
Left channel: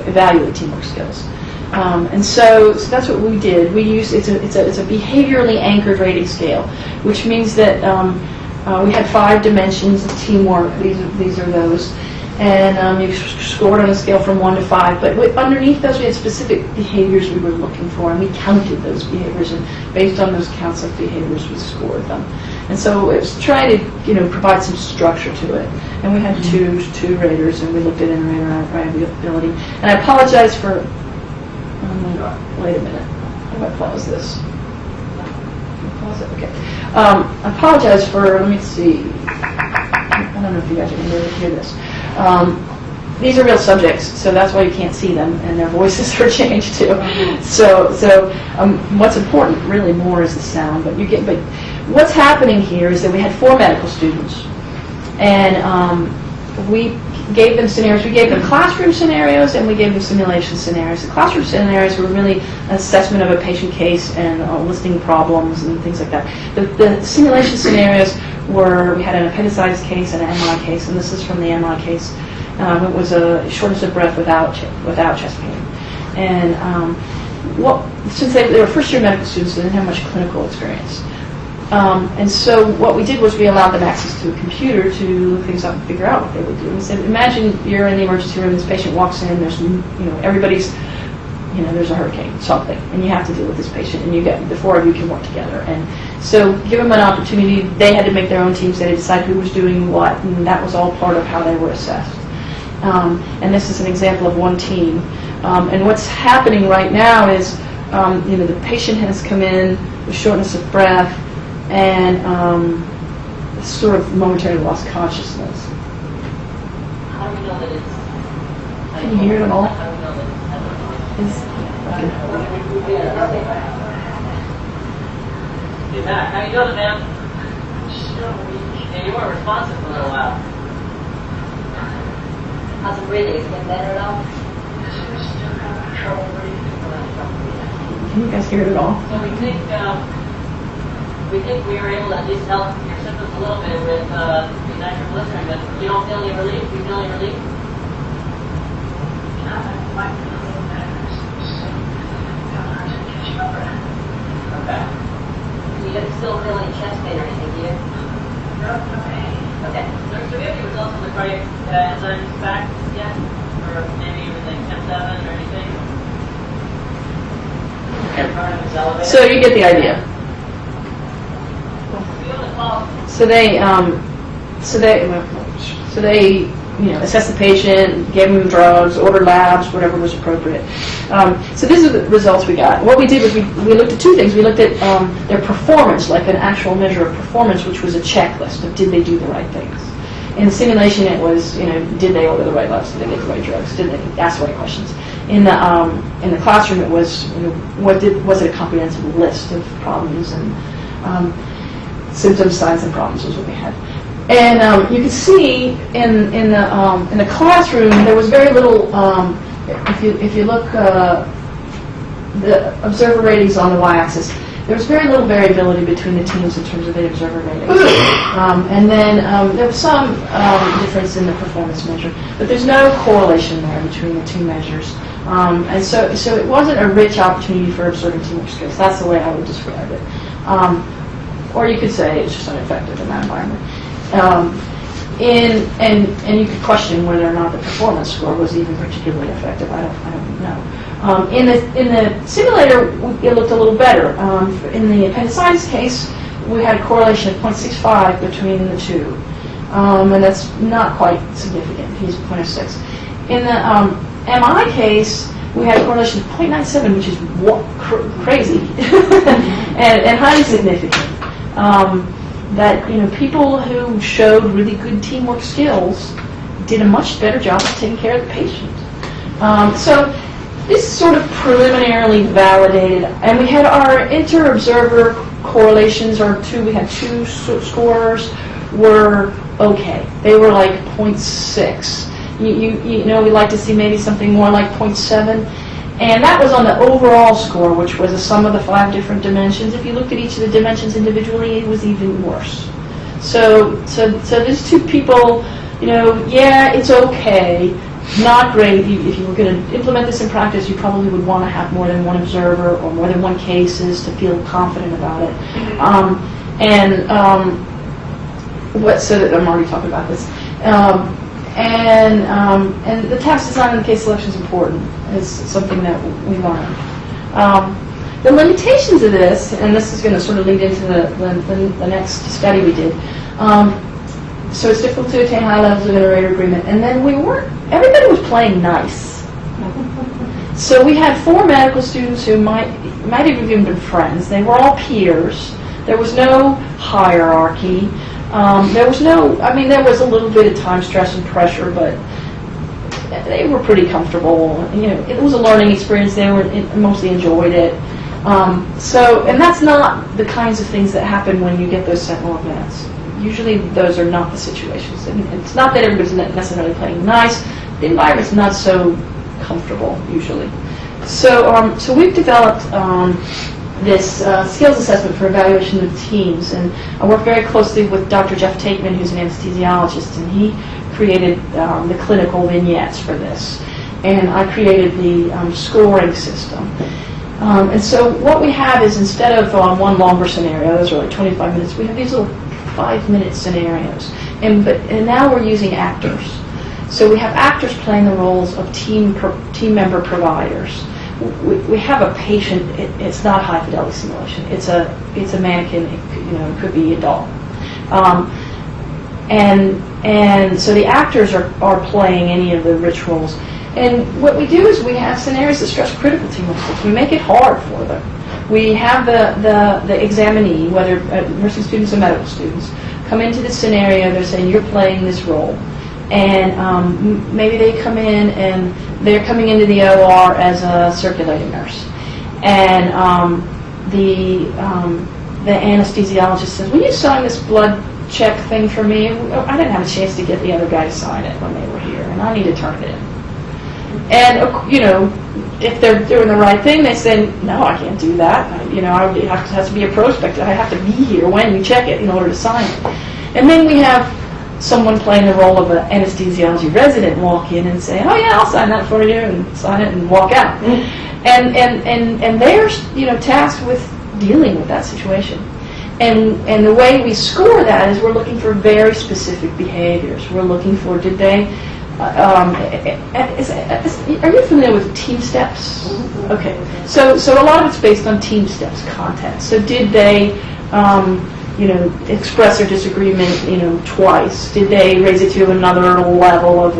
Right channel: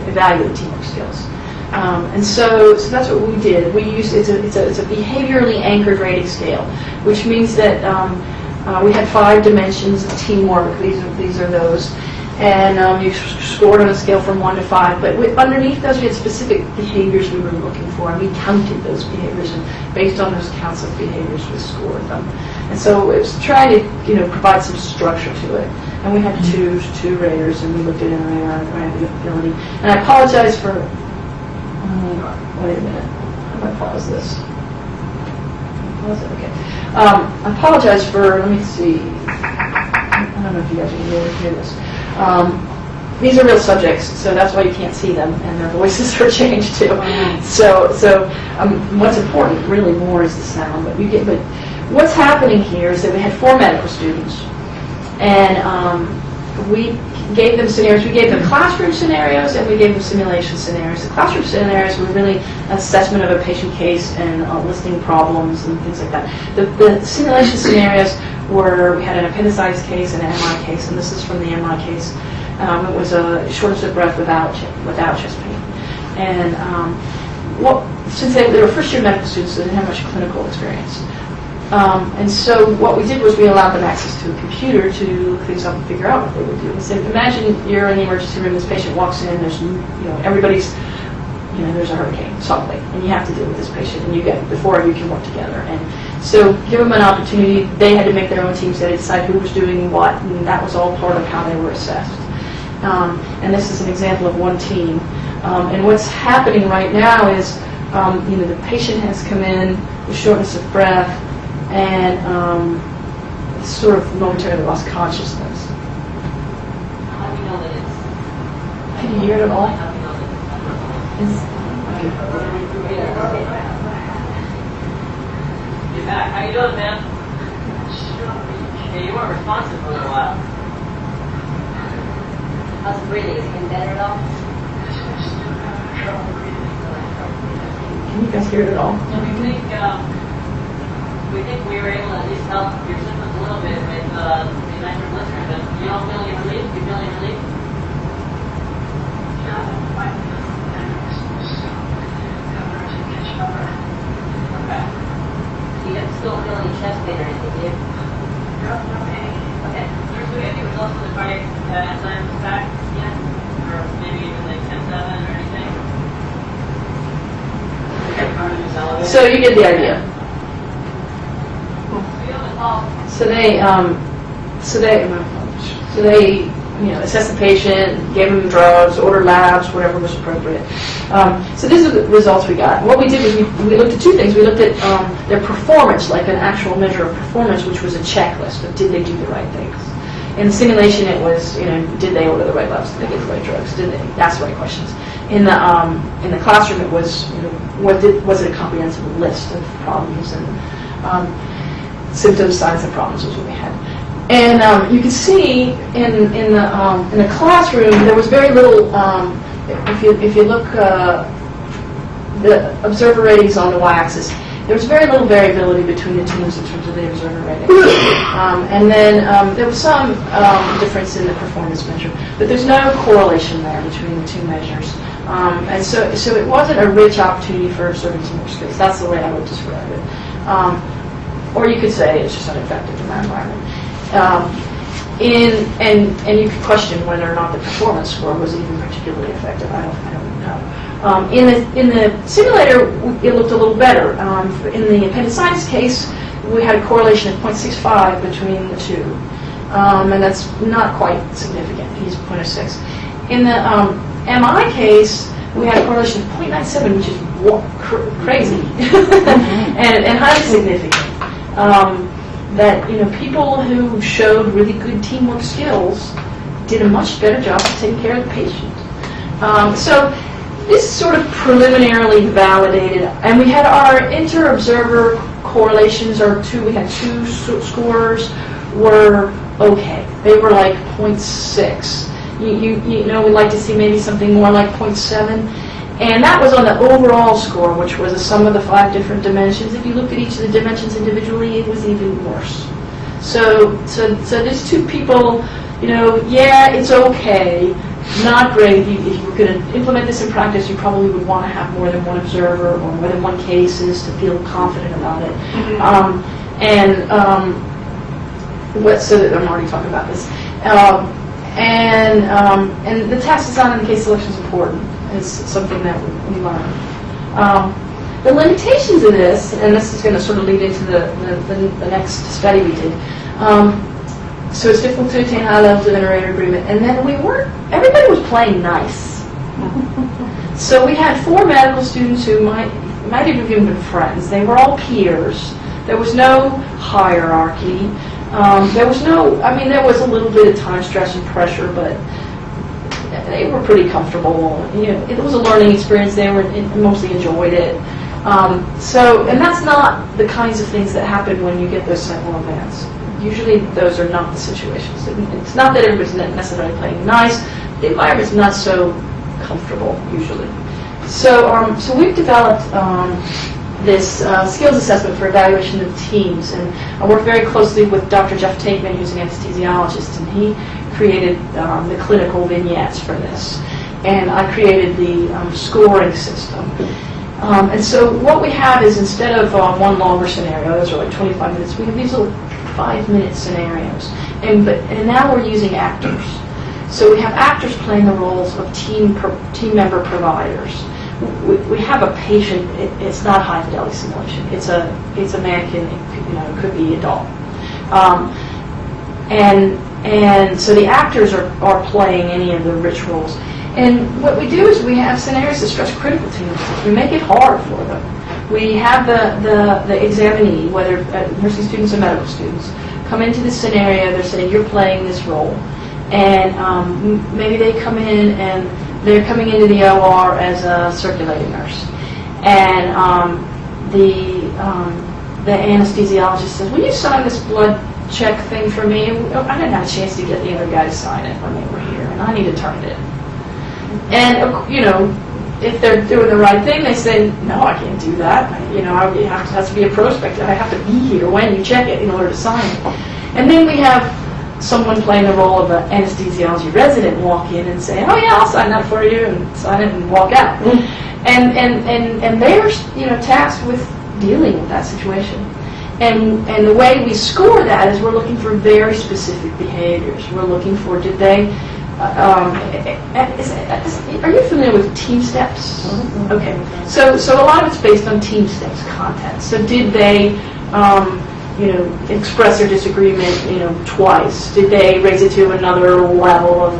evaluate teamwork skills. And so that's what we did. We used it's a behaviorally anchored rating scale, which means that we had 5 dimensions of teamwork. These are those. And you scored on a scale from 1 to 5, but underneath those we had specific behaviors we were looking for, and we counted those behaviors, and based on those counts of behaviors we scored them. And so it was trying to provide some structure to it. And we had two raters, and we looked at interactability. And I apologize for, wait a minute, how do I pause this? Pause it, okay. I apologize for, let me see, I don't know if you guys are going to be able to hear this. These are real subjects, so that's why you can't see them, and their voices are changed too. So what's important really more is the sound. But what's happening here is that we had 4 medical students, and we gave them scenarios. We gave them classroom scenarios, and we gave them simulation scenarios. The classroom scenarios were really an assessment of a patient case and listing problems and things like that. The simulation scenarios we had an appendicitis case and an MI case, and this is from the MI case. It was a shortness of breath without chest pain. And since they were first-year medical students, so they didn't have much clinical experience. And so what we did was we allowed them access to a computer to look things up and figure out what they would do. We said, imagine you're in the emergency room, this patient walks in, there's, everybody's, there's a hurricane, something, and you have to deal with this patient, and the four of you can work together. And so give them an opportunity. They had to make their own teams. They had to decide who was doing what, and that was all part of how they were assessed. And this is an example of one team. And what's happening right now is, the patient has come in with shortness of breath and sort of momentarily lost consciousness. Can you hear it at all? How you doing, man? Yeah, you weren't responsive for a little while. How's the breathing? Is it getting better at all? Can you guys hear it at all? Well, we think we were able to at least help your symptoms a little bit with the nitroglycerin, but you don't feel any relief? You feel any relief? Okay. You still feel any chest pain or anything, do you? Okay. Do we have any results from the cardiac enzymes back yet? Or maybe even like M7 or anything? So you get the idea. So they assessed the patient, gave them drugs, ordered labs, whatever was appropriate. So these are the results we got. What we did was we looked at two things. We looked at their performance, like an actual measure of performance, which was a checklist of did they do the right things. In the simulation, it was did they order the right labs, did they get the right drugs, did they ask the right questions. In the classroom, it was was it a comprehensive list of problems and symptoms, signs, and problems was what we had. And you can see in the classroom there was very little. If you look the observer ratings on the y-axis, there was very little variability between the teams in terms of the observer ratings. And then there was some difference in the performance measure, but there's no correlation there between the two measures. And so it wasn't a rich opportunity for observing some more skills. That's the way I would describe it. Or you could say it's just ineffective in that environment. And you could question whether or not the performance score was even particularly effective. I don't know. In the simulator, it looked a little better. In the appendicitis case, we had a correlation of 0.65 between the two. And that's not quite significant. He's 0.06. In the MI case, we had a correlation of 0.97, which is crazy and highly significant. That people who showed really good teamwork skills did a much better job of taking care of the patient. So this is sort of preliminarily validated, and we had our inter-observer correlations, we had two scores were okay. They were like 0.6. We like to see maybe something more like 0.7. And that was on the overall score, which was a sum of the 5 different dimensions. If you looked at each of the dimensions individually, it was even worse. So these two people, it's okay, not great. If you were going to implement this in practice, you probably would want to have more than one observer or more than one cases to feel confident about it. So I'm already talking about this. And the task design and case selection is important. It's something that we learn. The limitations of this, and this is going to sort of lead into the next study we did. So it's difficult to attain high levels of inter-rater agreement. And then everybody was playing nice. So we had 4 medical students who might have even been friends. They were all peers. There was no hierarchy. There was a little bit of time stress and pressure, but they were pretty comfortable. It was a learning experience. They mostly enjoyed it. And that's not the kinds of things that happen when you get those sentinel events. Usually those are not the situations. It's not that everybody's necessarily playing nice. The environment's not so comfortable usually. So we've developed this skills assessment for evaluation of teams. And I work very closely with Dr. Jeff Tateman, who's an anesthesiologist, and he created the clinical vignettes for this. And I created the scoring system. And so what we have is, instead of one longer scenario, those are like 25 minutes, we have these little 5-minute scenarios. And now we're using actors. So we have actors playing the roles of team member providers. We have a patient. It's not high fidelity simulation. It's a mannequin. It could be a doll. And so the actors are playing any of the rich roles. And what we do is we have scenarios that stress critical team members. We make it hard for them. We have the examinee, whether nursing students or medical students, come into this scenario. They're saying, you're playing this role. And maybe they come in and they're coming into the OR as a circulating nurse. And the anesthesiologist says, will you sign this blood check thing for me? I didn't have a chance to get the other guy to sign it when they were here, and I need to turn it in. And, if they're doing the right thing, they say, no, I can't do that. It has to be a prospect. I have to be here when you check it in order to sign it. And then we have someone playing the role of an anesthesiology resident walk in and say, oh yeah, I'll sign that for you, and sign it and walk out. And they're tasked with dealing with that situation. And the way we score that is we're looking for very specific behaviors. We're looking for, did they, are you familiar with team steps? Okay. So a lot of it's based on team steps content. So did they, express their disagreement, twice? Did they raise it to another level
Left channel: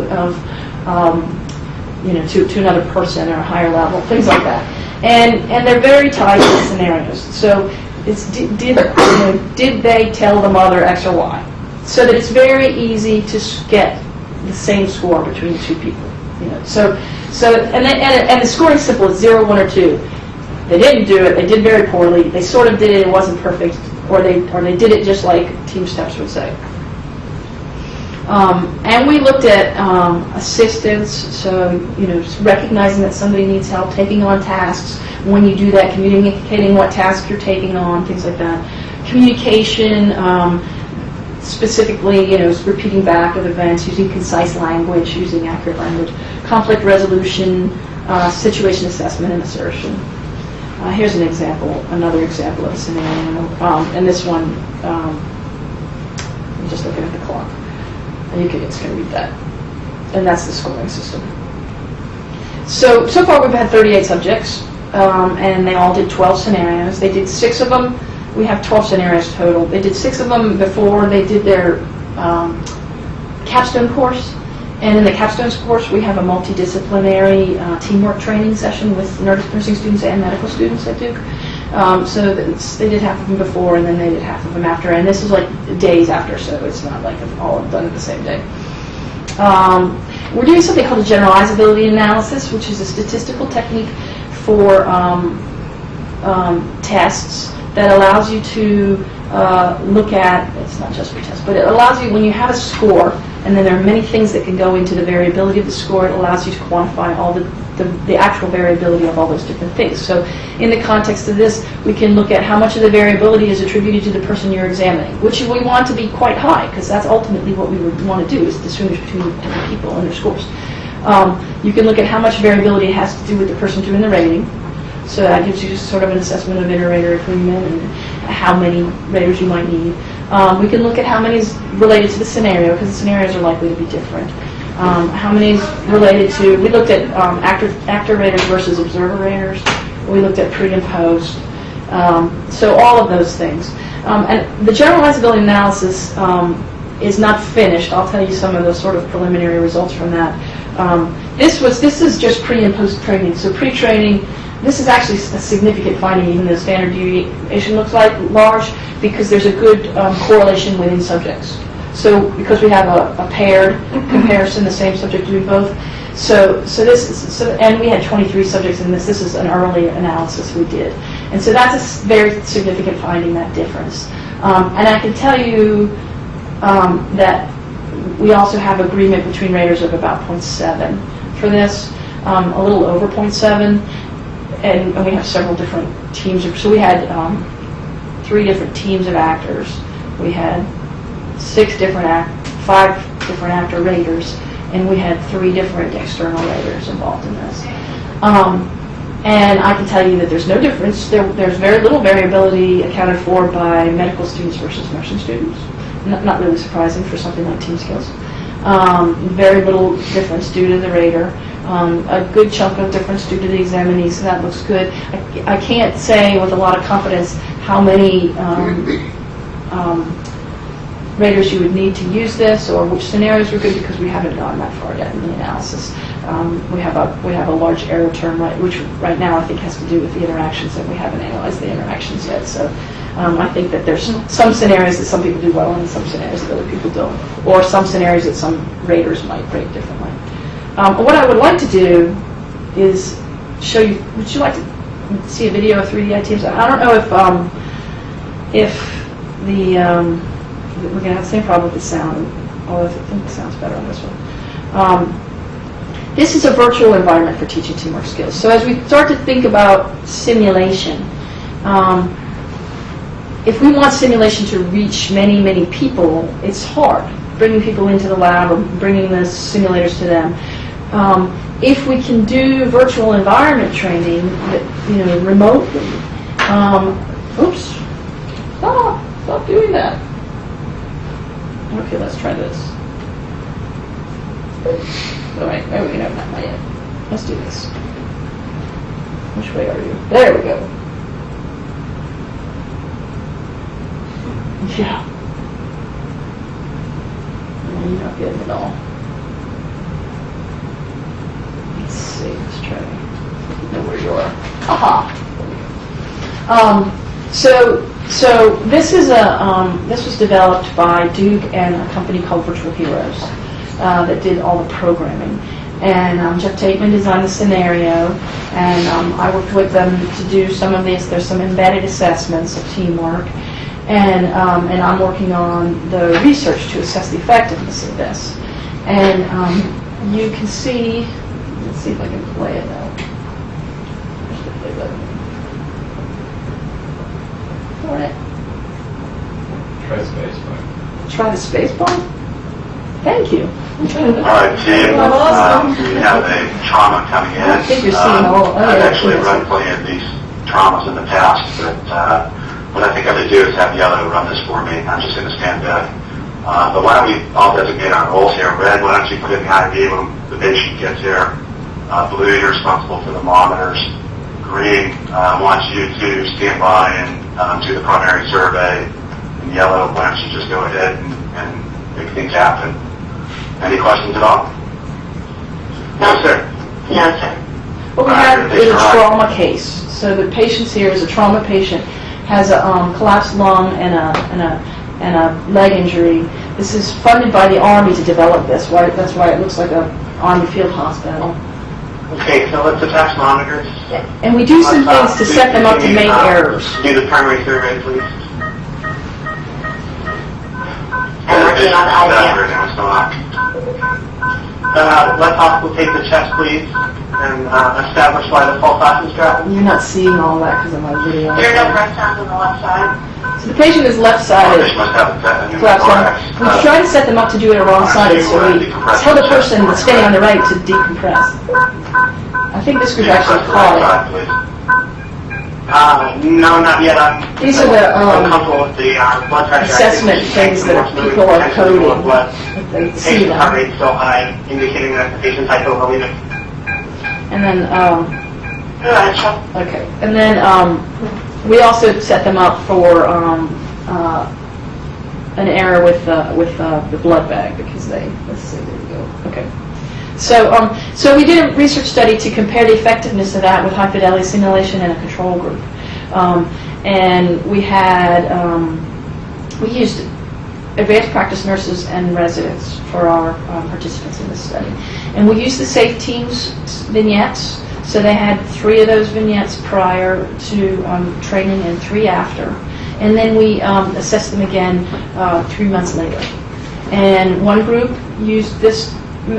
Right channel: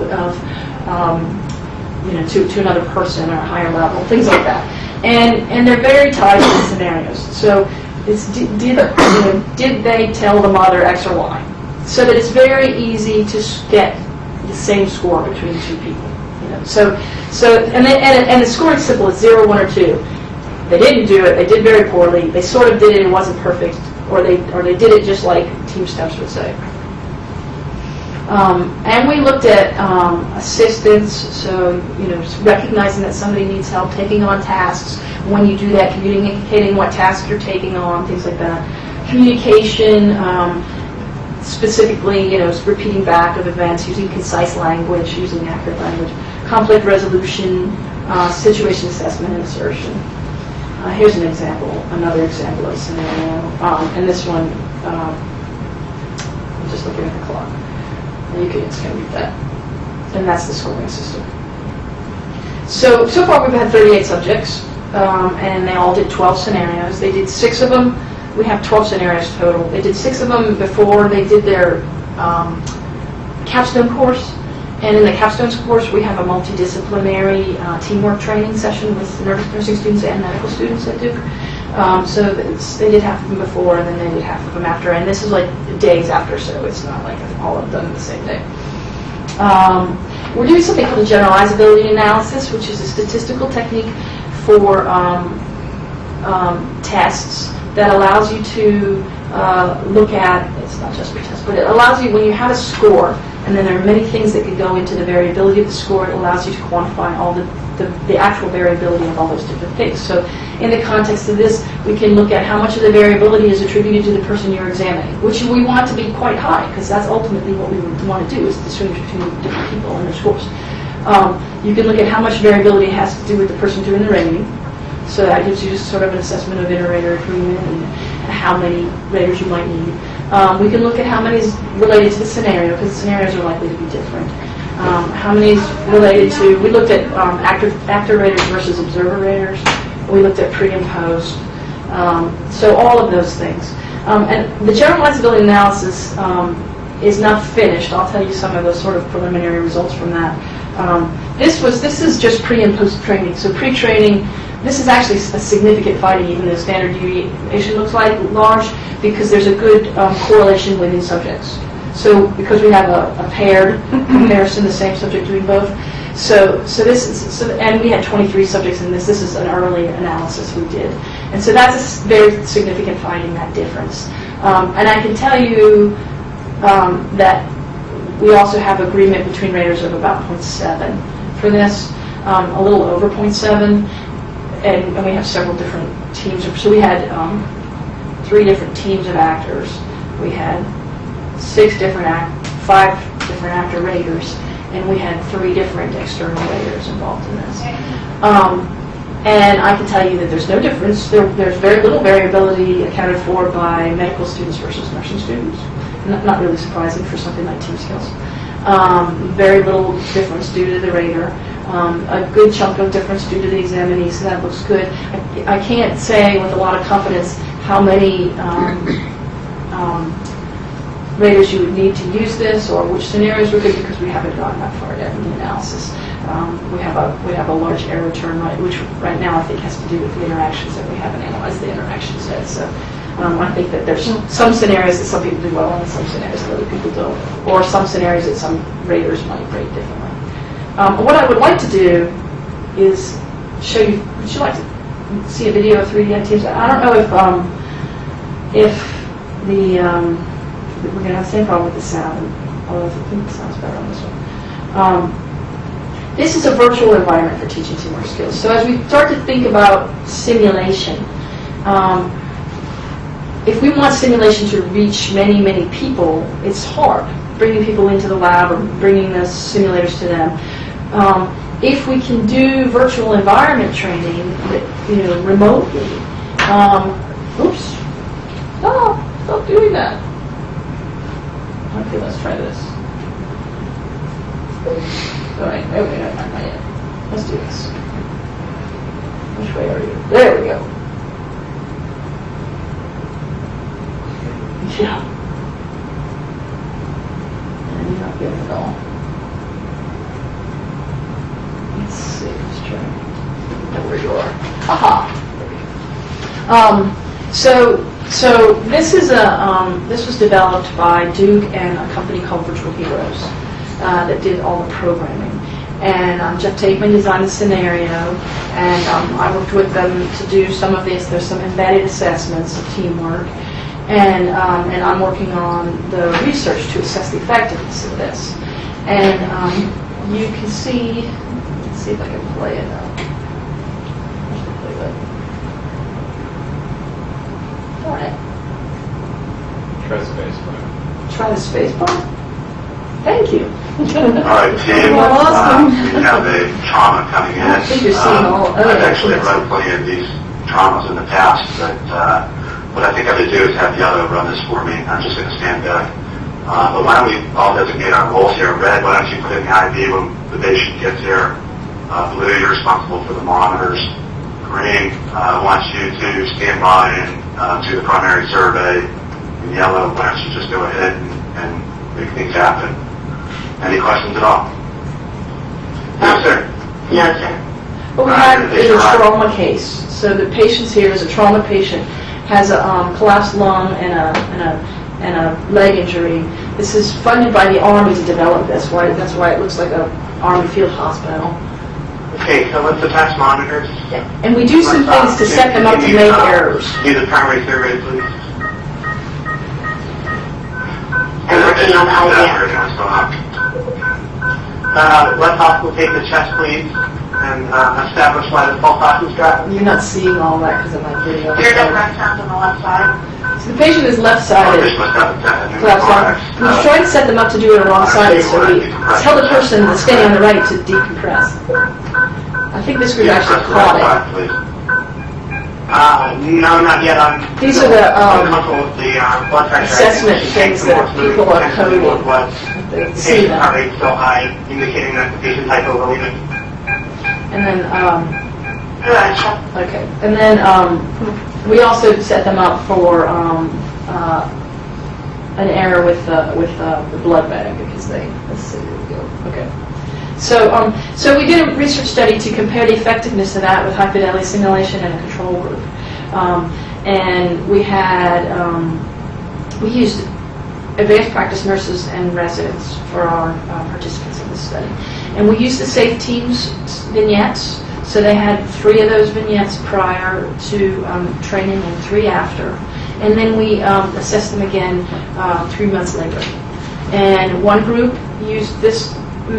to another person or a higher level? Things like that. And they're very tied to scenarios. So it's did they tell the mother X or Y? So that it's very easy to get the same score between two people. And the scoring is simple. It's 0, 1, or 2. They didn't do it. They did very poorly. They sort of did it. It wasn't perfect. Or they did it just like team steps would say. And we looked at assistance, so recognizing that somebody needs help, taking on tasks. When you do that, communicating what task you're taking on, things like that. Communication, specifically, repeating back of events, using concise language, using accurate language. Conflict resolution, situation assessment, and assertion. Here's another example of a scenario. And this one, I'm just looking at the clock. And it's going to read that. And that's the scoring system. So far we've had 38 subjects, and they all did 12 scenarios. They did 6 of them. We have 12 scenarios total. They did 6 of them before they did their capstone course. And in the capstone course, we have a multidisciplinary teamwork training session with nursing students and medical students at Duke. So they did half of them before, and then they did half of them after. And this is like days after, so it's not like all done the same day. We're doing something called a generalizability analysis, which is a statistical technique for tests that allows you to look at, it's not just for tests, but it allows you, when you have a score, and then there are many things that can go into the variability of the score, it allows you to quantify all the actual variability of all those different things. So in the context of this, we can look at how much of the variability is attributed to the person you're examining, which we want to be quite high, because that's ultimately what we would want to do, is distinguish between different people and their scores. You can look at how much variability has to do with the person doing the rating. So that gives you just sort of an assessment of inter-rater agreement and how many raters you might need. We can look at how many is related to the scenario, because the scenarios are likely to be different. How many is related to, we looked at actor raters versus observer raters. We looked at pre and post. So all of those things. And the generalizability analysis is not finished. I'll tell you some of the sort of preliminary results from that. This is just pre and post training. So pre-training, this is actually a significant finding, even though the standard deviation looks like large, because there's a good correlation within subjects. So because we have a paired comparison, the same subject doing both. And we had 23 subjects in this. This is an early analysis we did. And so that's a very significant finding, that difference. And I can tell you that we also have agreement between raters of about 0.7 for this, a little over 0.7. and we have several different teams. So we had 3 different teams of actors. We had 5 different actor raters, and we had 3 different external raters involved in this. And I can tell you that there's no difference. There's very little variability accounted for by medical students versus nursing students. Not really surprising for something like team skills. Very little difference due to the rater. A good chunk of difference due to the examinee, so that looks good. I can't say with a lot of confidence how many raters you would need to use this or which scenarios are good because we haven't gone that far yet in the analysis. We have a large error term, which right now I think has to do with the interactions, and we haven't analyzed the interactions yet. So I think that there's some scenarios that some people do well and some scenarios that other people don't, or some scenarios that some raters might rate differently. What I would like to do is show you. Would you like to see a video of 3D teams? I don't know if we're going to have the same problem with the sound, although I think the sound's better on this one. This is a virtual environment for teaching teamwork skills. So as we start to think about simulation, if we want simulation to reach many, many people, it's hard bringing people into the lab or bringing the simulators to them. If we can do virtual environment training, remotely, oops, stop doing that. Okay, let's try this. All right, okay, I've not yet. Let's do this. Which way are you? There we go. Yeah. No, you're not getting it all. Let's see, let's try. Know where you are. Aha. So this is this was developed by Duke and a company called Virtual Heroes that did all the programming. And Jeff Tateman designed the scenario, and I worked with them to do some of this. There's some embedded assessments of teamwork, and I'm working on the research to assess the effectiveness of this. And you can see, let's see if I can play it now. All right. Try spacebar. Try the spacebar? Thank you. All right, team. Awesome. We have a trauma coming in. I think you're seeing all. I've actually run plenty of these traumas in the past, but what I think I'm going to do is have the other run this for me. I'm just going to stand back. But why don't we all designate our roles here? Red, why don't you put in the ID when the patient gets here? Blue, you're responsible for the monitors. Green, I want you to stand by and do the primary survey. And yellow, why don't you just go ahead and make things happen? Any questions at all? Yes, sir. Yes, sir. What we have is a trauma case. So the patient here is a trauma patient, has a collapsed lung and a leg injury. This is funded by the Army to develop this. That's why it looks like an Army field hospital. Okay, so let's attach monitors. And we do some things to set them up to make errors. Do the primary survey, please. I'm working on the idea. Let's also take the chest, please, and establish why the false oxygen strategy. You're not seeing all that because I'm not really well. There's no right sound on the left side. So the patient is left-sided. We're trying to set them up to do it wrong-sided, so we tell the person that's standing on the right to decompress. I think this group actually caught it. No, not yet. These are the blood pressure assessment things that people are coding. They see Heart them. rate so high, indicating that the patient's hypovolemic. And then, okay. And then we also set them up for an error with the blood bag because let's see where we go. Okay. So we did a research study to compare the effectiveness of that with high fidelity simulation and a control group. And we had we used advanced practice nurses and residents for our participants in this study. And we used the Safe Teams vignettes. So they had 3 of those vignettes prior to training and 3 after. And then we assessed them again 3 months later. And one group used this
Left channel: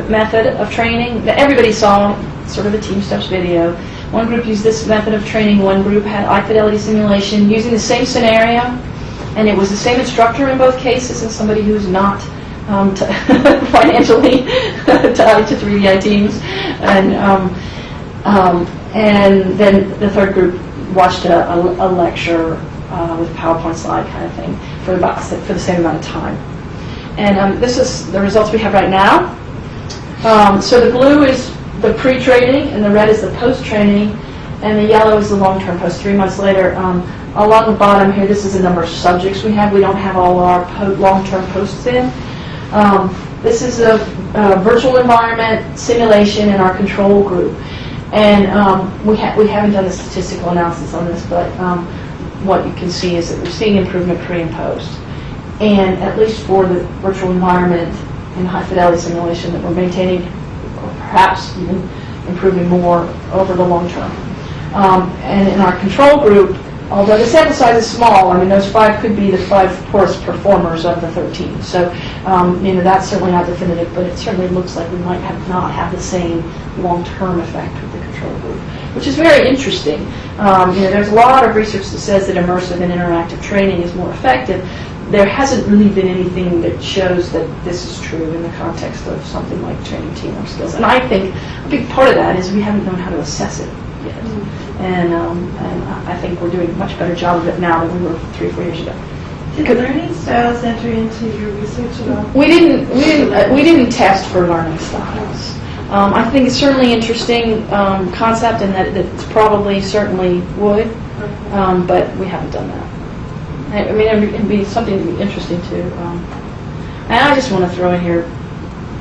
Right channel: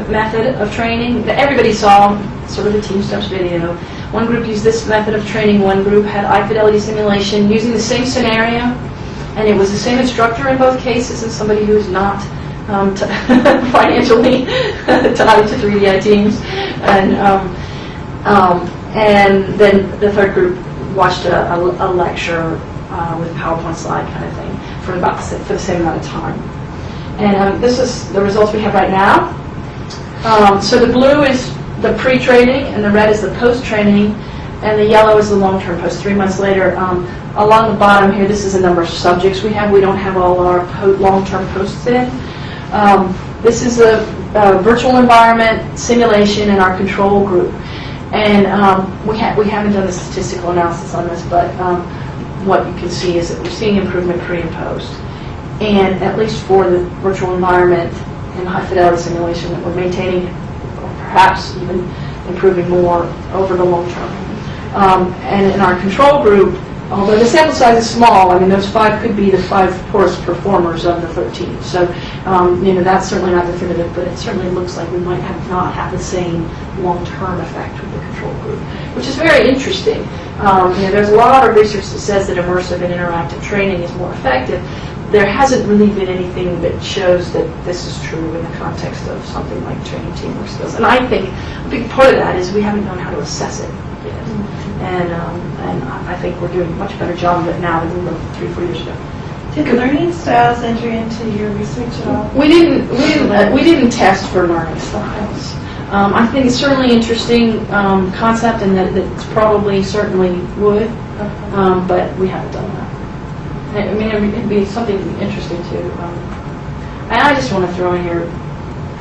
method of training. Everybody saw sort of a Team Steps video. One group used this method of training. One group had eye fidelity simulation using the same scenario, and it was the same instructor in both cases and somebody who's not financially tied to 3DI teams. And then the third group watched a lecture with PowerPoint slide kind of thing for the same amount of time. And this is the results we have right now. So the blue is the pre-training, and the red is the post-training, and the yellow is the long-term post, 3 months later. Along the bottom here, this is the number of subjects we have. We don't have all our long-term posts in. This is a virtual environment simulation in our control group. And we haven't done the statistical analysis on this, but what you can see is that we're seeing improvement pre and post. And at least for the virtual environment and high fidelity simulation, that we're maintaining, or perhaps even improving more over the long term. And in our control group, although the sample size is small, I mean, those 5 could be the 5 poorest performers of the 13. So, that's certainly not definitive, but it certainly looks like we might not have the same long-term effect with the control group, which is very interesting. There's a lot of research that says that immersive and interactive training is more effective. There hasn't really been anything that shows that this is true in the context of something like training teamwork skills. And I think a big part of that is we haven't known how to assess it yet. And I think we're doing a much better job of it now than we were 3 or 4 years ago. Did learning styles enter into your research at all? We didn't test for learning styles. I think it's certainly an interesting concept, and that it's probably certainly would, but we haven't done that. I mean, it'd be something interesting to. And I just want to throw in here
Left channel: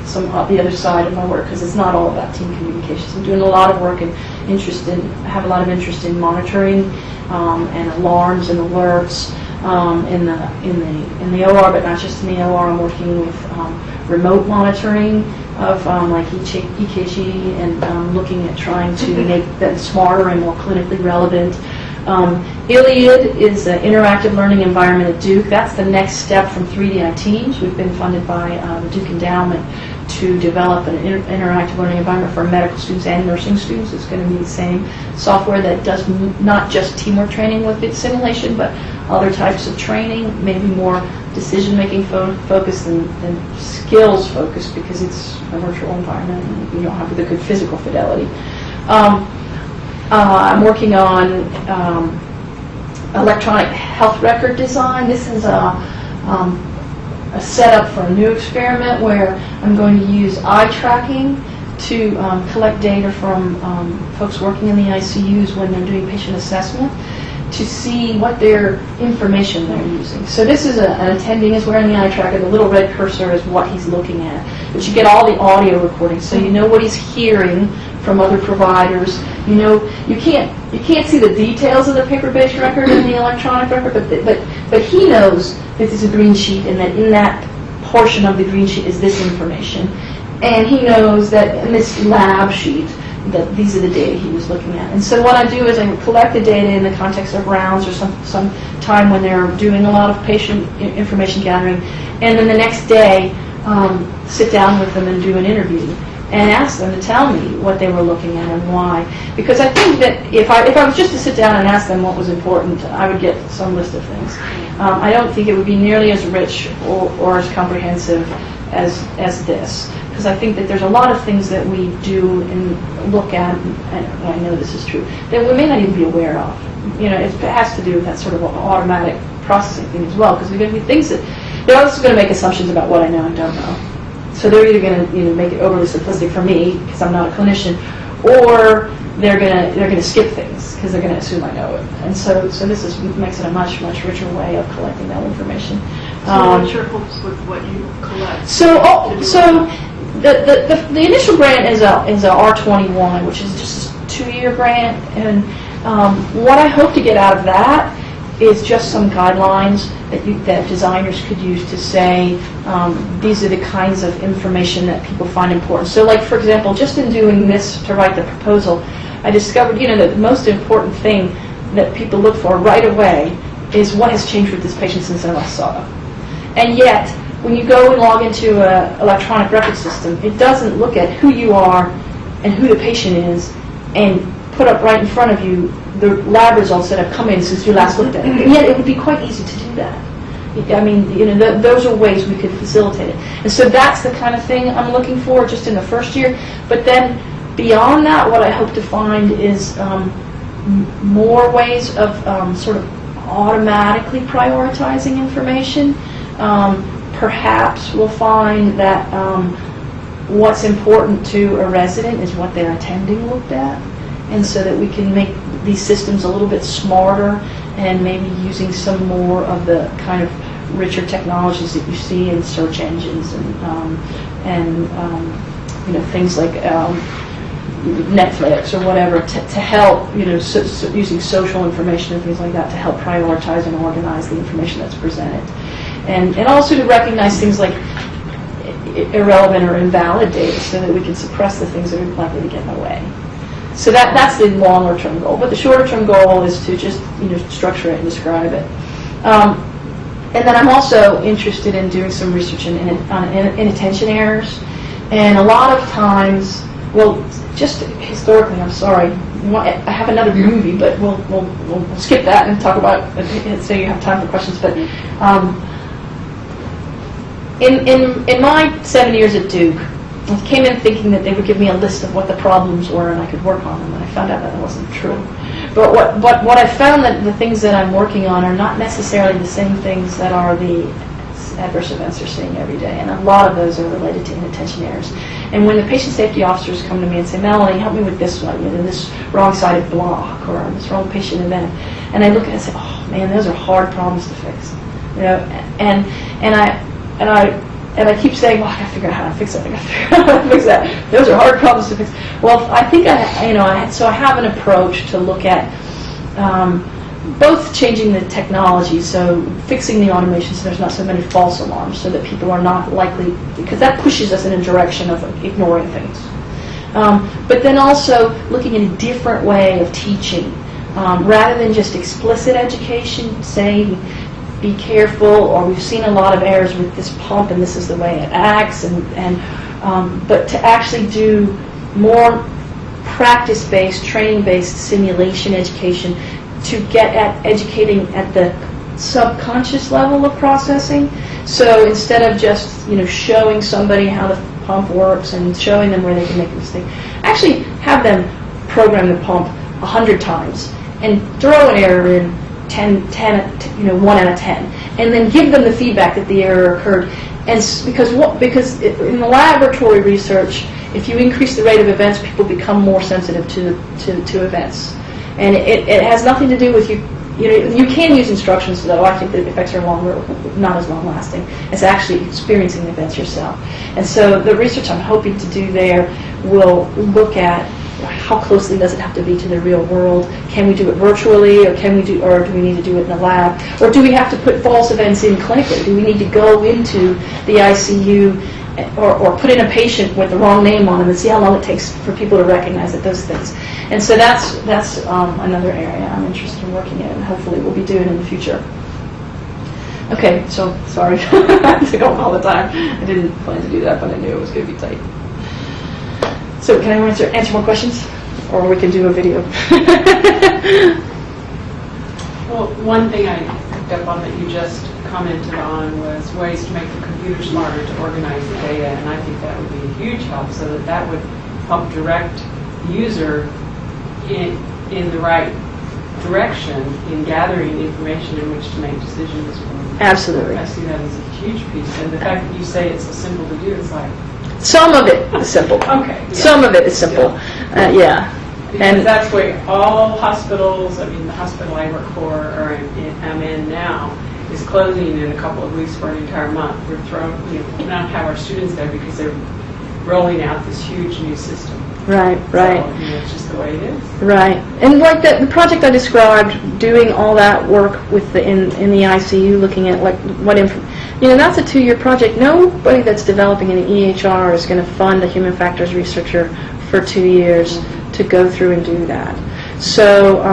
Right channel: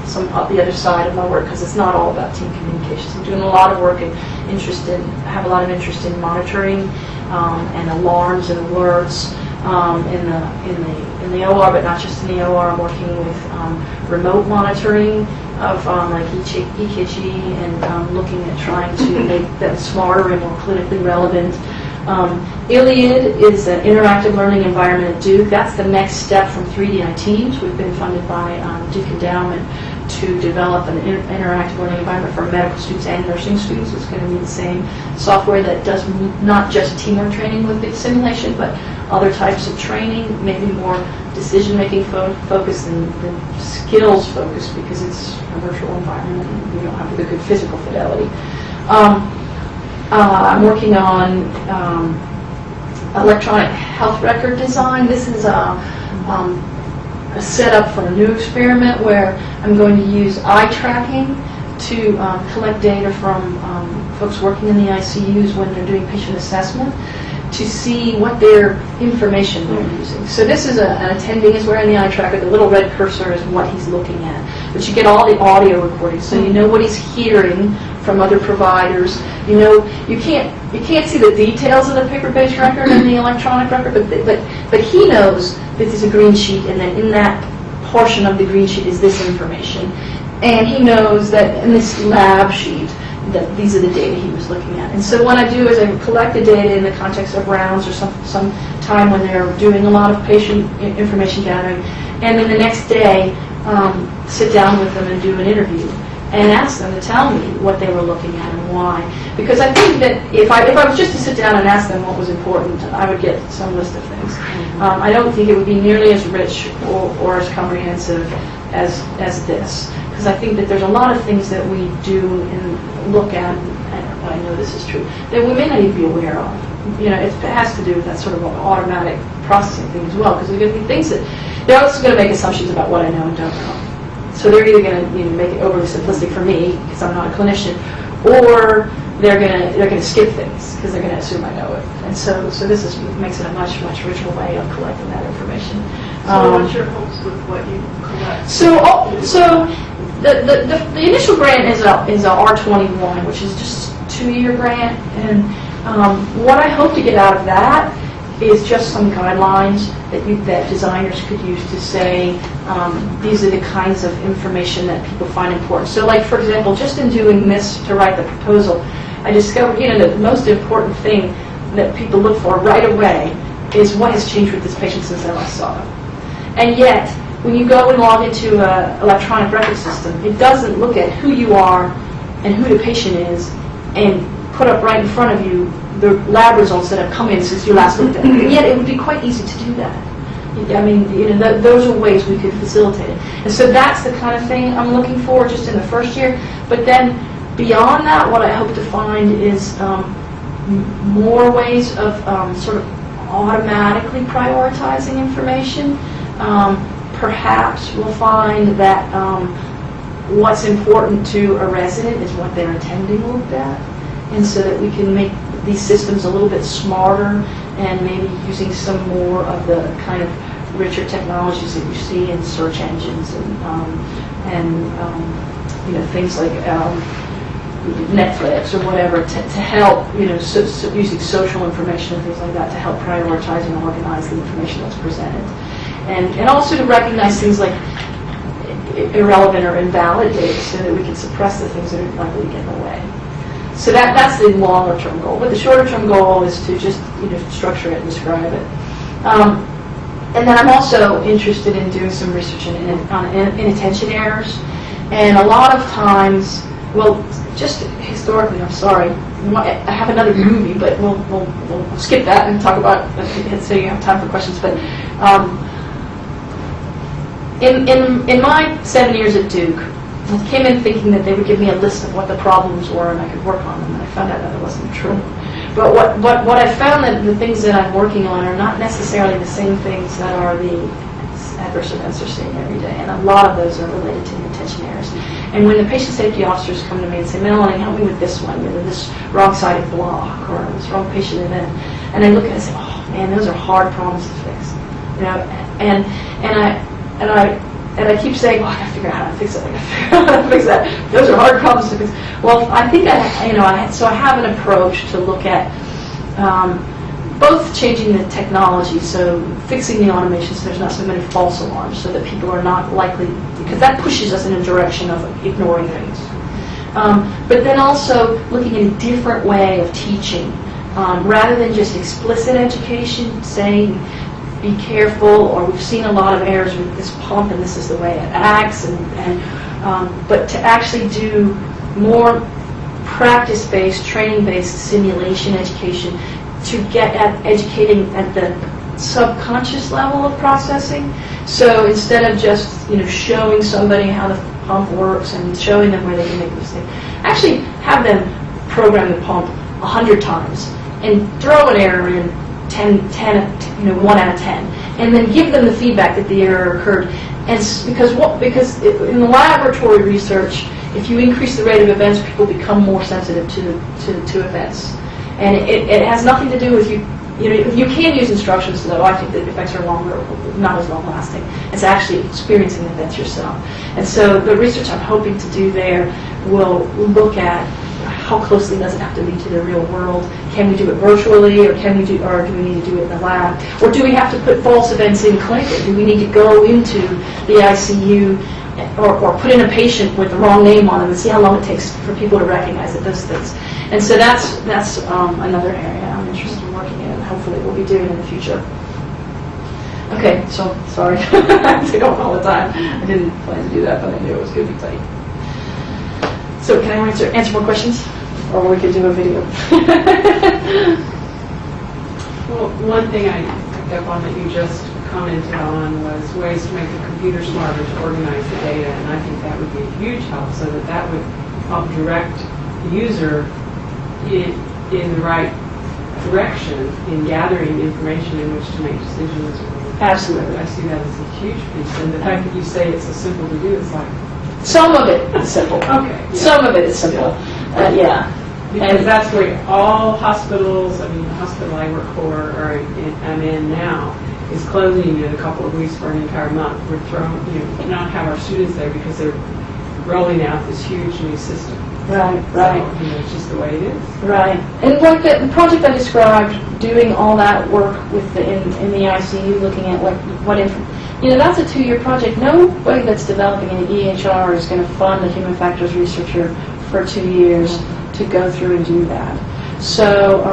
some of the other side of my work, because it's not all about team communications. I'm doing a lot of work and have a lot of interest in monitoring and alarms and alerts in the OR, but not just in the OR. I'm working with remote monitoring of like EKG and looking at trying to make them smarter and more clinically relevant. ILLIAD is an interactive learning environment at Duke. That's the next step from 3DI teams. We've been funded by the Duke Endowment to develop an interactive learning environment for medical students and nursing students. It's going to be the same software that does not just teamwork training with its simulation, but other types of training, maybe more decision-making focused and skills focused, because it's a virtual environment and you don't have the good physical fidelity. I'm working on electronic health record design. This is a setup for a new experiment where I'm going to use eye tracking to collect data from folks working in the ICUs when they're doing patient assessment, to see what their information they're using. So this is an attending is wearing the eye tracker. The little red cursor is what he's looking at. But you get all the audio recordings, so you know what he's hearing from other providers. You can't see the details of the paper-based record and the electronic record, but he knows that there's a green sheet, and that in that portion of the green sheet is this information. And he knows that in this lab sheet that these are the data he was looking at. And so what I do is I collect the data in the context of rounds or some time when they're doing a lot of patient information gathering, and then the next day sit down with them and do an interview and ask them to tell me what they were looking at and why. Because I think that if I was just to sit down and ask them what was important, I would get some list of things. I don't think it would be nearly as rich or as comprehensive as this. Because I think that there's a lot of things that we do and look at, and I know this is true, that we may not even be aware of. It has to do with that sort of automatic processing thing as well. Because there are going to be things that, this is going to make assumptions about what I know and don't know. So they're either going to make it overly simplistic for me because I'm not a clinician, or they're going to skip things because they're going to assume I know it. And so this makes it a much richer way of collecting that information. So what's your hopes with what you collect? So the initial grant is a R21, which is just a 2-year grant, and what I hope to get out of that is just some guidelines that designers could use to say these are the kinds of information that people find important. So, like, for example, just in doing this to write the proposal, I discovered that the most important thing that people look for right away is what has changed with this patient since I last saw them. And yet, when you go and log into an electronic record system, it doesn't look at who you are and who the patient is and put up right in front of you the lab results that have come in since you last looked at it. And yet it would be quite easy to do that. I mean, those are ways we could facilitate it. And so that's the kind of thing I'm looking for just in the first year. But then beyond that, what I hope to find is more ways of sort of automatically prioritizing information. Perhaps we'll find that what's important to a resident is what their attending looked at, and so that we can make these systems a little bit smarter and maybe using some more of the kind of richer technologies that you see in search engines and things like Netflix or whatever to help, using social information and things like that to help prioritize and organize the information that's presented. And also to recognize things like irrelevant or invalid data so that we can suppress the things that are likely to get in the way. So that's the longer term goal. But the shorter term goal is to just structure it and describe it. And then I'm also interested in doing some research in inattention errors. And a lot of times, well, just historically, I'm sorry, I have another movie, but we'll skip that and talk about and say you have time for questions. But in my 7 years at Duke, I came in thinking that they would give me a list of what the problems were and I could work on them, and I found out that that wasn't true. But what I found that the things that I'm working on are not necessarily the same things that are the adverse events are seeing every day, and a lot of those are related to inattention errors. And when the patient safety officers come to me and say, Melanie, help me with this one, this wrong-sided block or this wrong patient event, and I look at it and say, oh man, those are hard problems to fix, And I keep saying, well, I got to figure out how to fix it. I got to figure out how to fix that. Those are hard problems to fix. Well, I think I have an approach to look at both changing the technology, so fixing the automation so there's not so many false alarms, so that people are not likely, because that pushes us in a direction of ignoring things. But then also looking at a different way of teaching, rather than just explicit education, saying, be careful, or we've seen a lot of errors with this pump and this is the way it acts, but to actually do more practice-based, training-based simulation education to get at educating at the subconscious level of processing. So instead of just showing somebody how the pump works and showing them where they can make a mistake, actually have them program the pump 100 times and throw an error in 1 out of 10, and then give them the feedback that the error occurred. And because in the laboratory research, if you increase the rate of events, people become more sensitive to events, and it has nothing to do with you. You can use instructions, though. I think the effects are not as long lasting. It's actually experiencing the events yourself. And so the research I'm hoping to do there will look at how closely does it have to be to the real world? Can we do it virtually, or do we need to do it in the lab? Or do we have to put false events in clinically? Do we need to go into the ICU or put in a patient with the wrong name on them and see how long it takes for people to recognize that those things? And so that's another area I'm interested in working in, and hopefully we'll be doing in the future. Okay, so sorry, I take up all the time. I didn't plan to do that, but I knew it was going to be tight. So can I answer more questions? Or we can do a video. Well, one thing I picked up on that you just commented on was ways to make the computer smarter to organize the data, and I think that would be a huge help, so that would help direct the user in the right direction in gathering information in which to make decisions. Absolutely. I see that as a huge piece, and the fact that you say it's so simple to do, it's like, some of it is simple. Okay. Yeah. Some of it is simple. Yeah. Because that's where all hospitals, the hospital I work for, or I'm in now, is closing in a couple of weeks for an entire month. We're not have our students there because they're rolling out this huge new system. Right. So, it's just the way it is. Right. And like the project I described, doing all that work with in the ICU, looking at that's a 2-year project. Nobody that's developing an EHR is going to fund a human factors researcher for 2 years to go through and do that. So,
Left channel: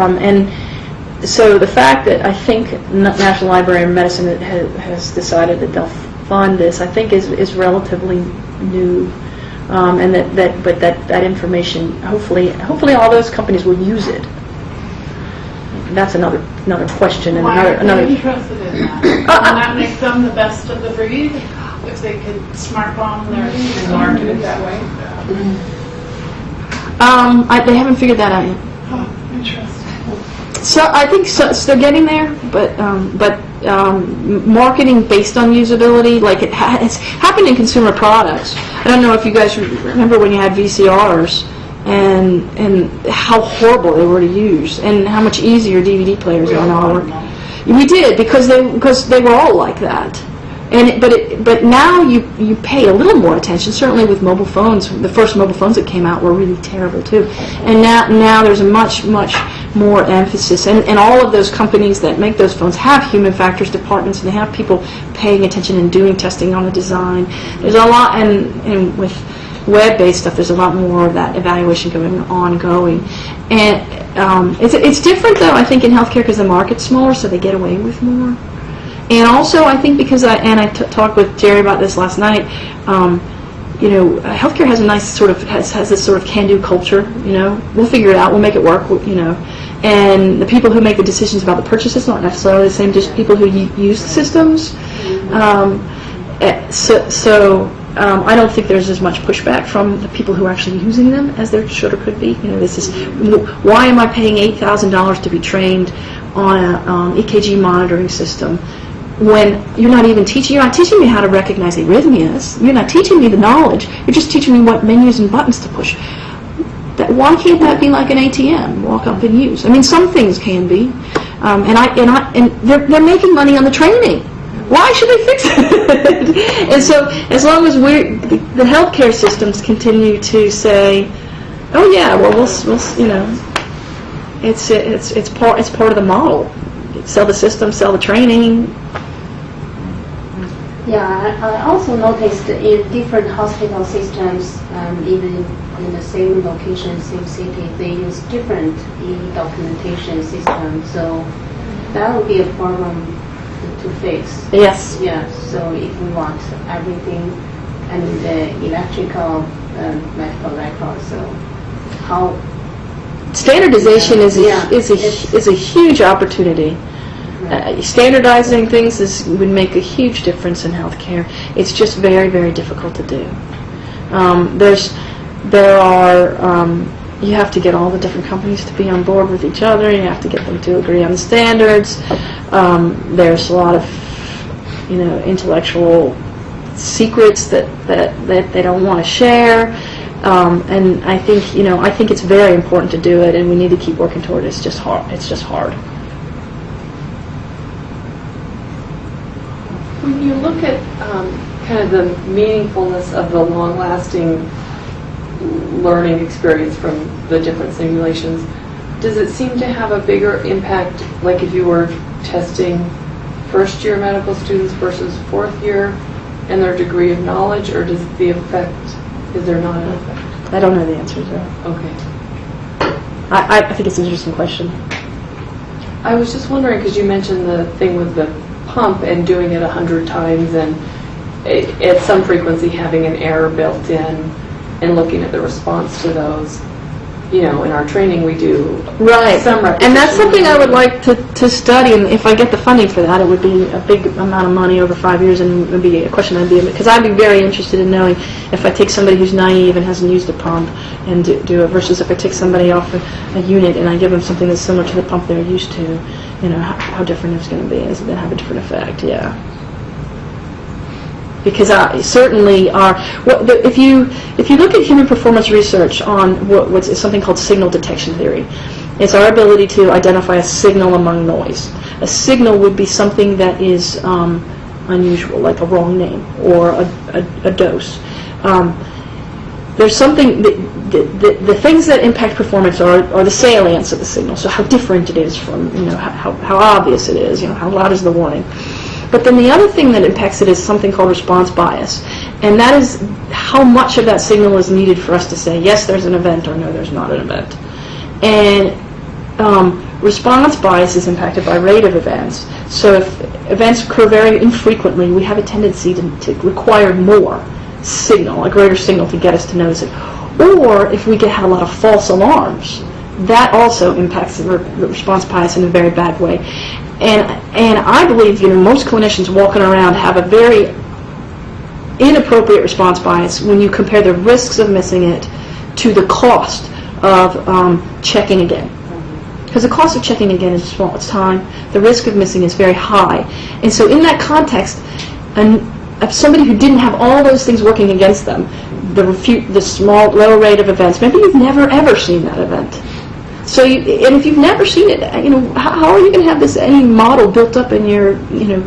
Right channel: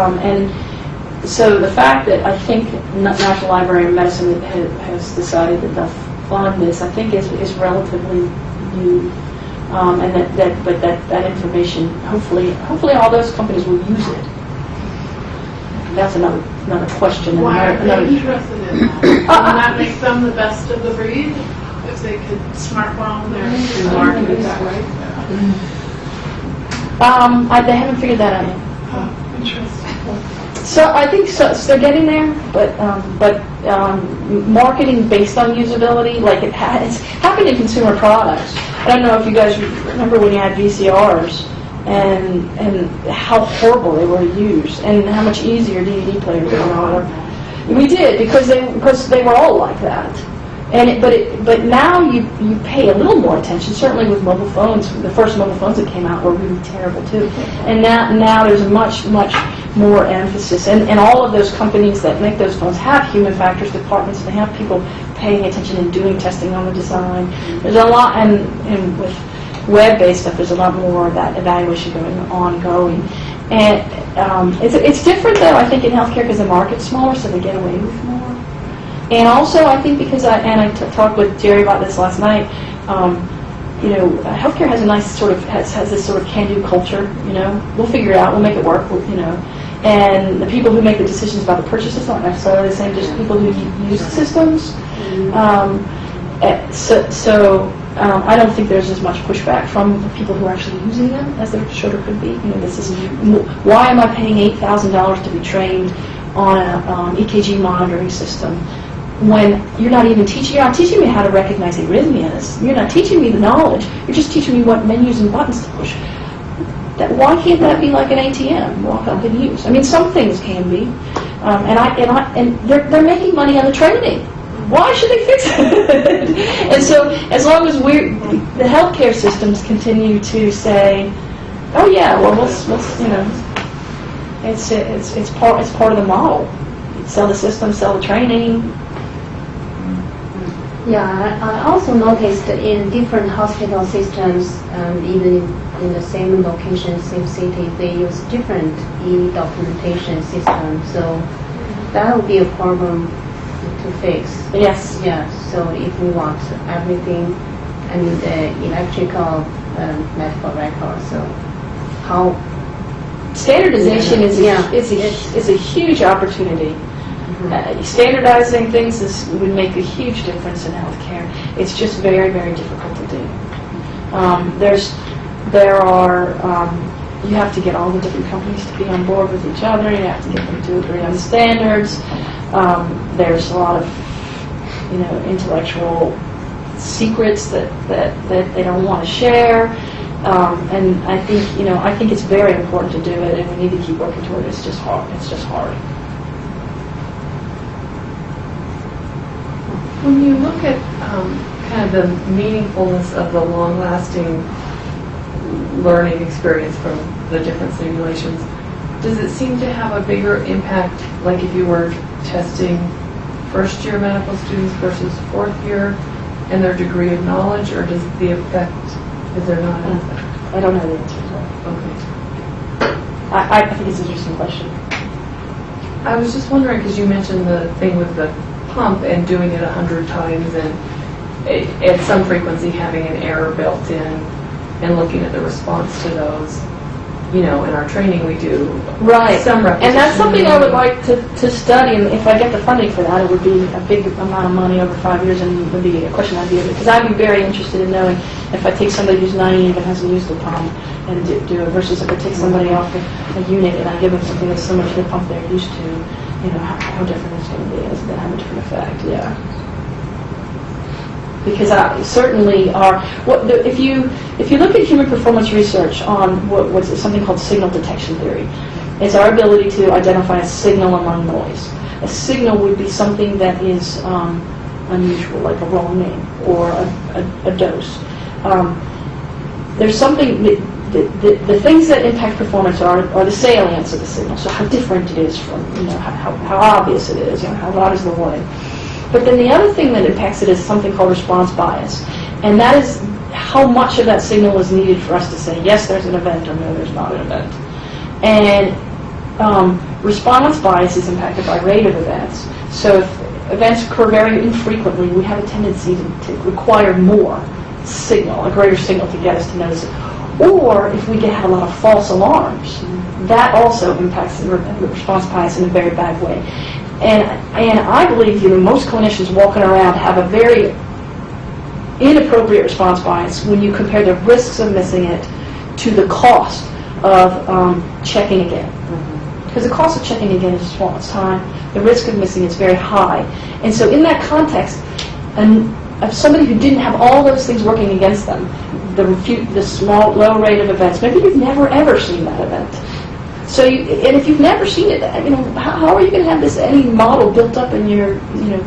so the fact that I think National Library of Medicine has decided that they'll fund this, I think is relatively new. and that information, hopefully all those companies will use it. That's another question. And Why are another. they interested in that? Doesn't that make them the best of the breed? If they can smartphone their market that way? They haven't figured that out yet. Oh, interesting. So I think so they're getting there, but marketing based on usability, like it's happened in consumer products. I don't know if you guys remember when you had VCRs and how horrible they were to use, and how much easier DVD players are now. We did because they were all like that. But now you pay a little more attention. Certainly with mobile phones, the first mobile phones that came out were really terrible too. And now there's a much more emphasis. And all of those companies that make those phones have human factors departments, and they have people paying attention and doing testing on the design. There's a lot, and with web-based stuff, there's a lot more of that evaluation ongoing. And it's different though, I think, in healthcare because the market's smaller, so they get away with more. And also, I think because I talked with Jerry about this last night. Healthcare has a nice has this sort of can-do culture. We'll figure it out. We'll make it work. And the people who make the decisions about the purchases aren't necessarily the same. Just people who use the systems. I don't think there's as much pushback from the people who are actually using them as there should or could be. This is why am I paying $8,000 to be trained on an EKG monitoring system when you're not teaching me how to recognize arrhythmias. You're not teaching me the knowledge. You're just teaching me what menus and buttons to push. Why can't that be like an ATM? Walk up and use. I mean, some things can be, and they're making money on the training. Why should they fix it? And so, as long as the healthcare systems continue to say, "Oh yeah, well it's part of the model. Sell the system, sell the training." Yeah, I also noticed that in different hospital systems, in the same location, same city, they use different e-documentation systems. So that would be a problem to fix. Yes. Yeah. So if we want everything and the electrical medical record, so how standardization is a huge opportunity. Standardizing things would make a huge difference in healthcare. It's just very, very difficult to do. You have to get all the different companies to be on board with each other. You have to get them to agree on the standards. There's a lot of, intellectual secrets that they don't want to share. And I think it's very important to do it, and we need to keep working toward it. It's just hard. When you look at kind of the meaningfulness of the long-lasting learning experience from the different simulations, does it seem to have a bigger impact, like if you were testing first-year medical students versus fourth-year and their degree of knowledge, or is there not an effect? I don't know the answer to that. Okay. I think it's an interesting question. I was just wondering, because you mentioned the thing with the pump and doing it 100 times and at some frequency having an error built in and looking at the response to those. In our training we do some repetition. And that's something I would like to study, and if I get the funding for that, it would be a big amount of money over 5 years, and it would be a question because I'd be very interested in knowing if I take somebody who's naive and hasn't used a pump and do it versus if I take somebody off a unit and I give them something that's similar to the pump they're used to, how different it's going to be. It's going to have a different effect, yeah. Because certainly if you look at human performance research on what's something called signal detection theory, it's our ability to identify a signal among noise. A signal would be something that is unusual, like a wrong name or a dose. There's something the things that impact performance are the salience of the signal. So how different it is from how obvious it is. How loud is the warning. But then the other thing that impacts it is something called response bias. And that is how much of that signal is needed for us to say, yes, there's an event, or no, there's not an event. And response bias is impacted by rate of events. So if events occur very infrequently, we have a tendency to require more signal, a greater signal to get us to notice it. Or if we have a lot of false alarms, that also impacts the response bias in a very bad way. And I believe, most clinicians walking around have a very inappropriate response bias when you compare the risks of missing it to the cost of checking again. Because the cost of checking again is small, it's time. The risk of missing is very high. And so in that context, of somebody who didn't have all those things working against them, the small, low rate of events, maybe you've never ever seen that event. So, and if you've never seen it, how are you going to have any model built up in your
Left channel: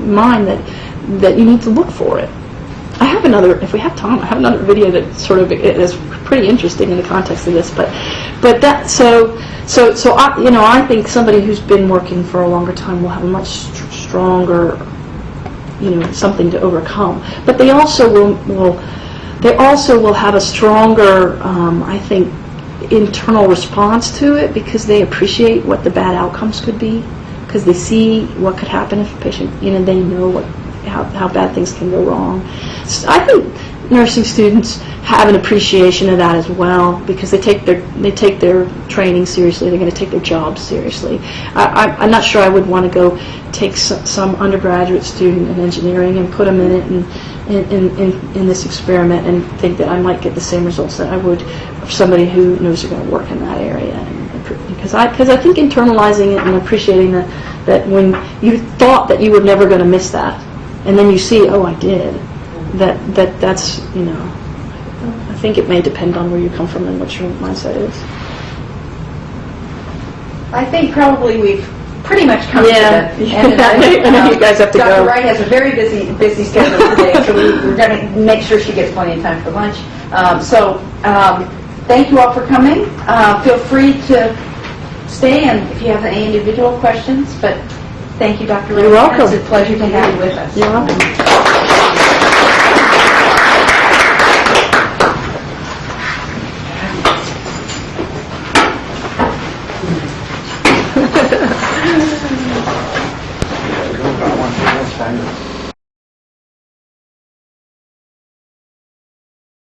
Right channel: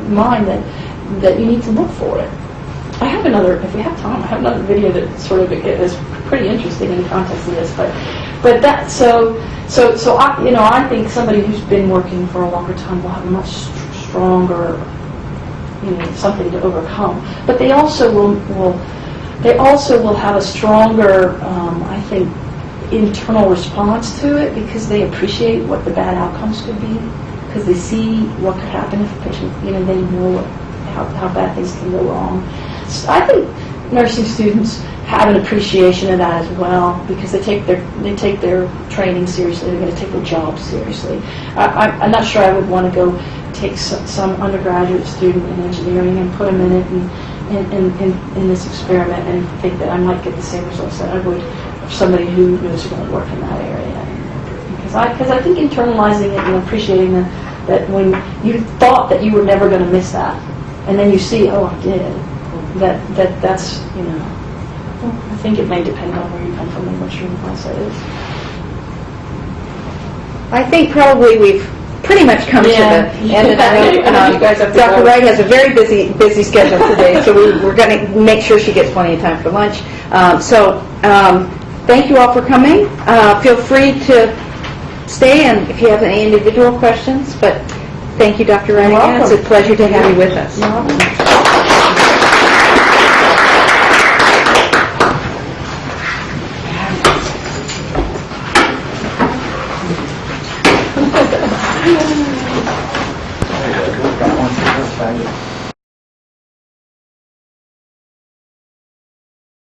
mind that you need to look for it? I have another, if we have time, I have another video that sort of is pretty interesting in the context of this, but that so I think somebody who's been working for a longer time will have a much stronger something to overcome. But they also will have a stronger I think internal response to it, because they appreciate what the bad outcomes could be, because they see what could happen if a patient, they know how bad things can go wrong. So I think nursing students have an appreciation of that as well, because they take their training seriously. They're going to take their job seriously. I'm not sure I would want to go take some undergraduate student in engineering and put them in it in this experiment and think that I might get the same results that I would of somebody who knows they're going to work in that area. Because I think internalizing it and appreciating that when you thought that you were never going to miss that, and then you see, oh, I did. That's I think it may depend on where you come from and what your mindset is. I think probably we've pretty much come to the end of that. I know you guys have to Dr. go. Wright has a very busy schedule today, so we're going to make sure she gets plenty of time for lunch. Thank you all for coming. Feel free to stay, and if you have any individual questions, but thank you, Dr. Wright. You're welcome. It's a pleasure to have you with us. You're welcome. Yeah, we've got one.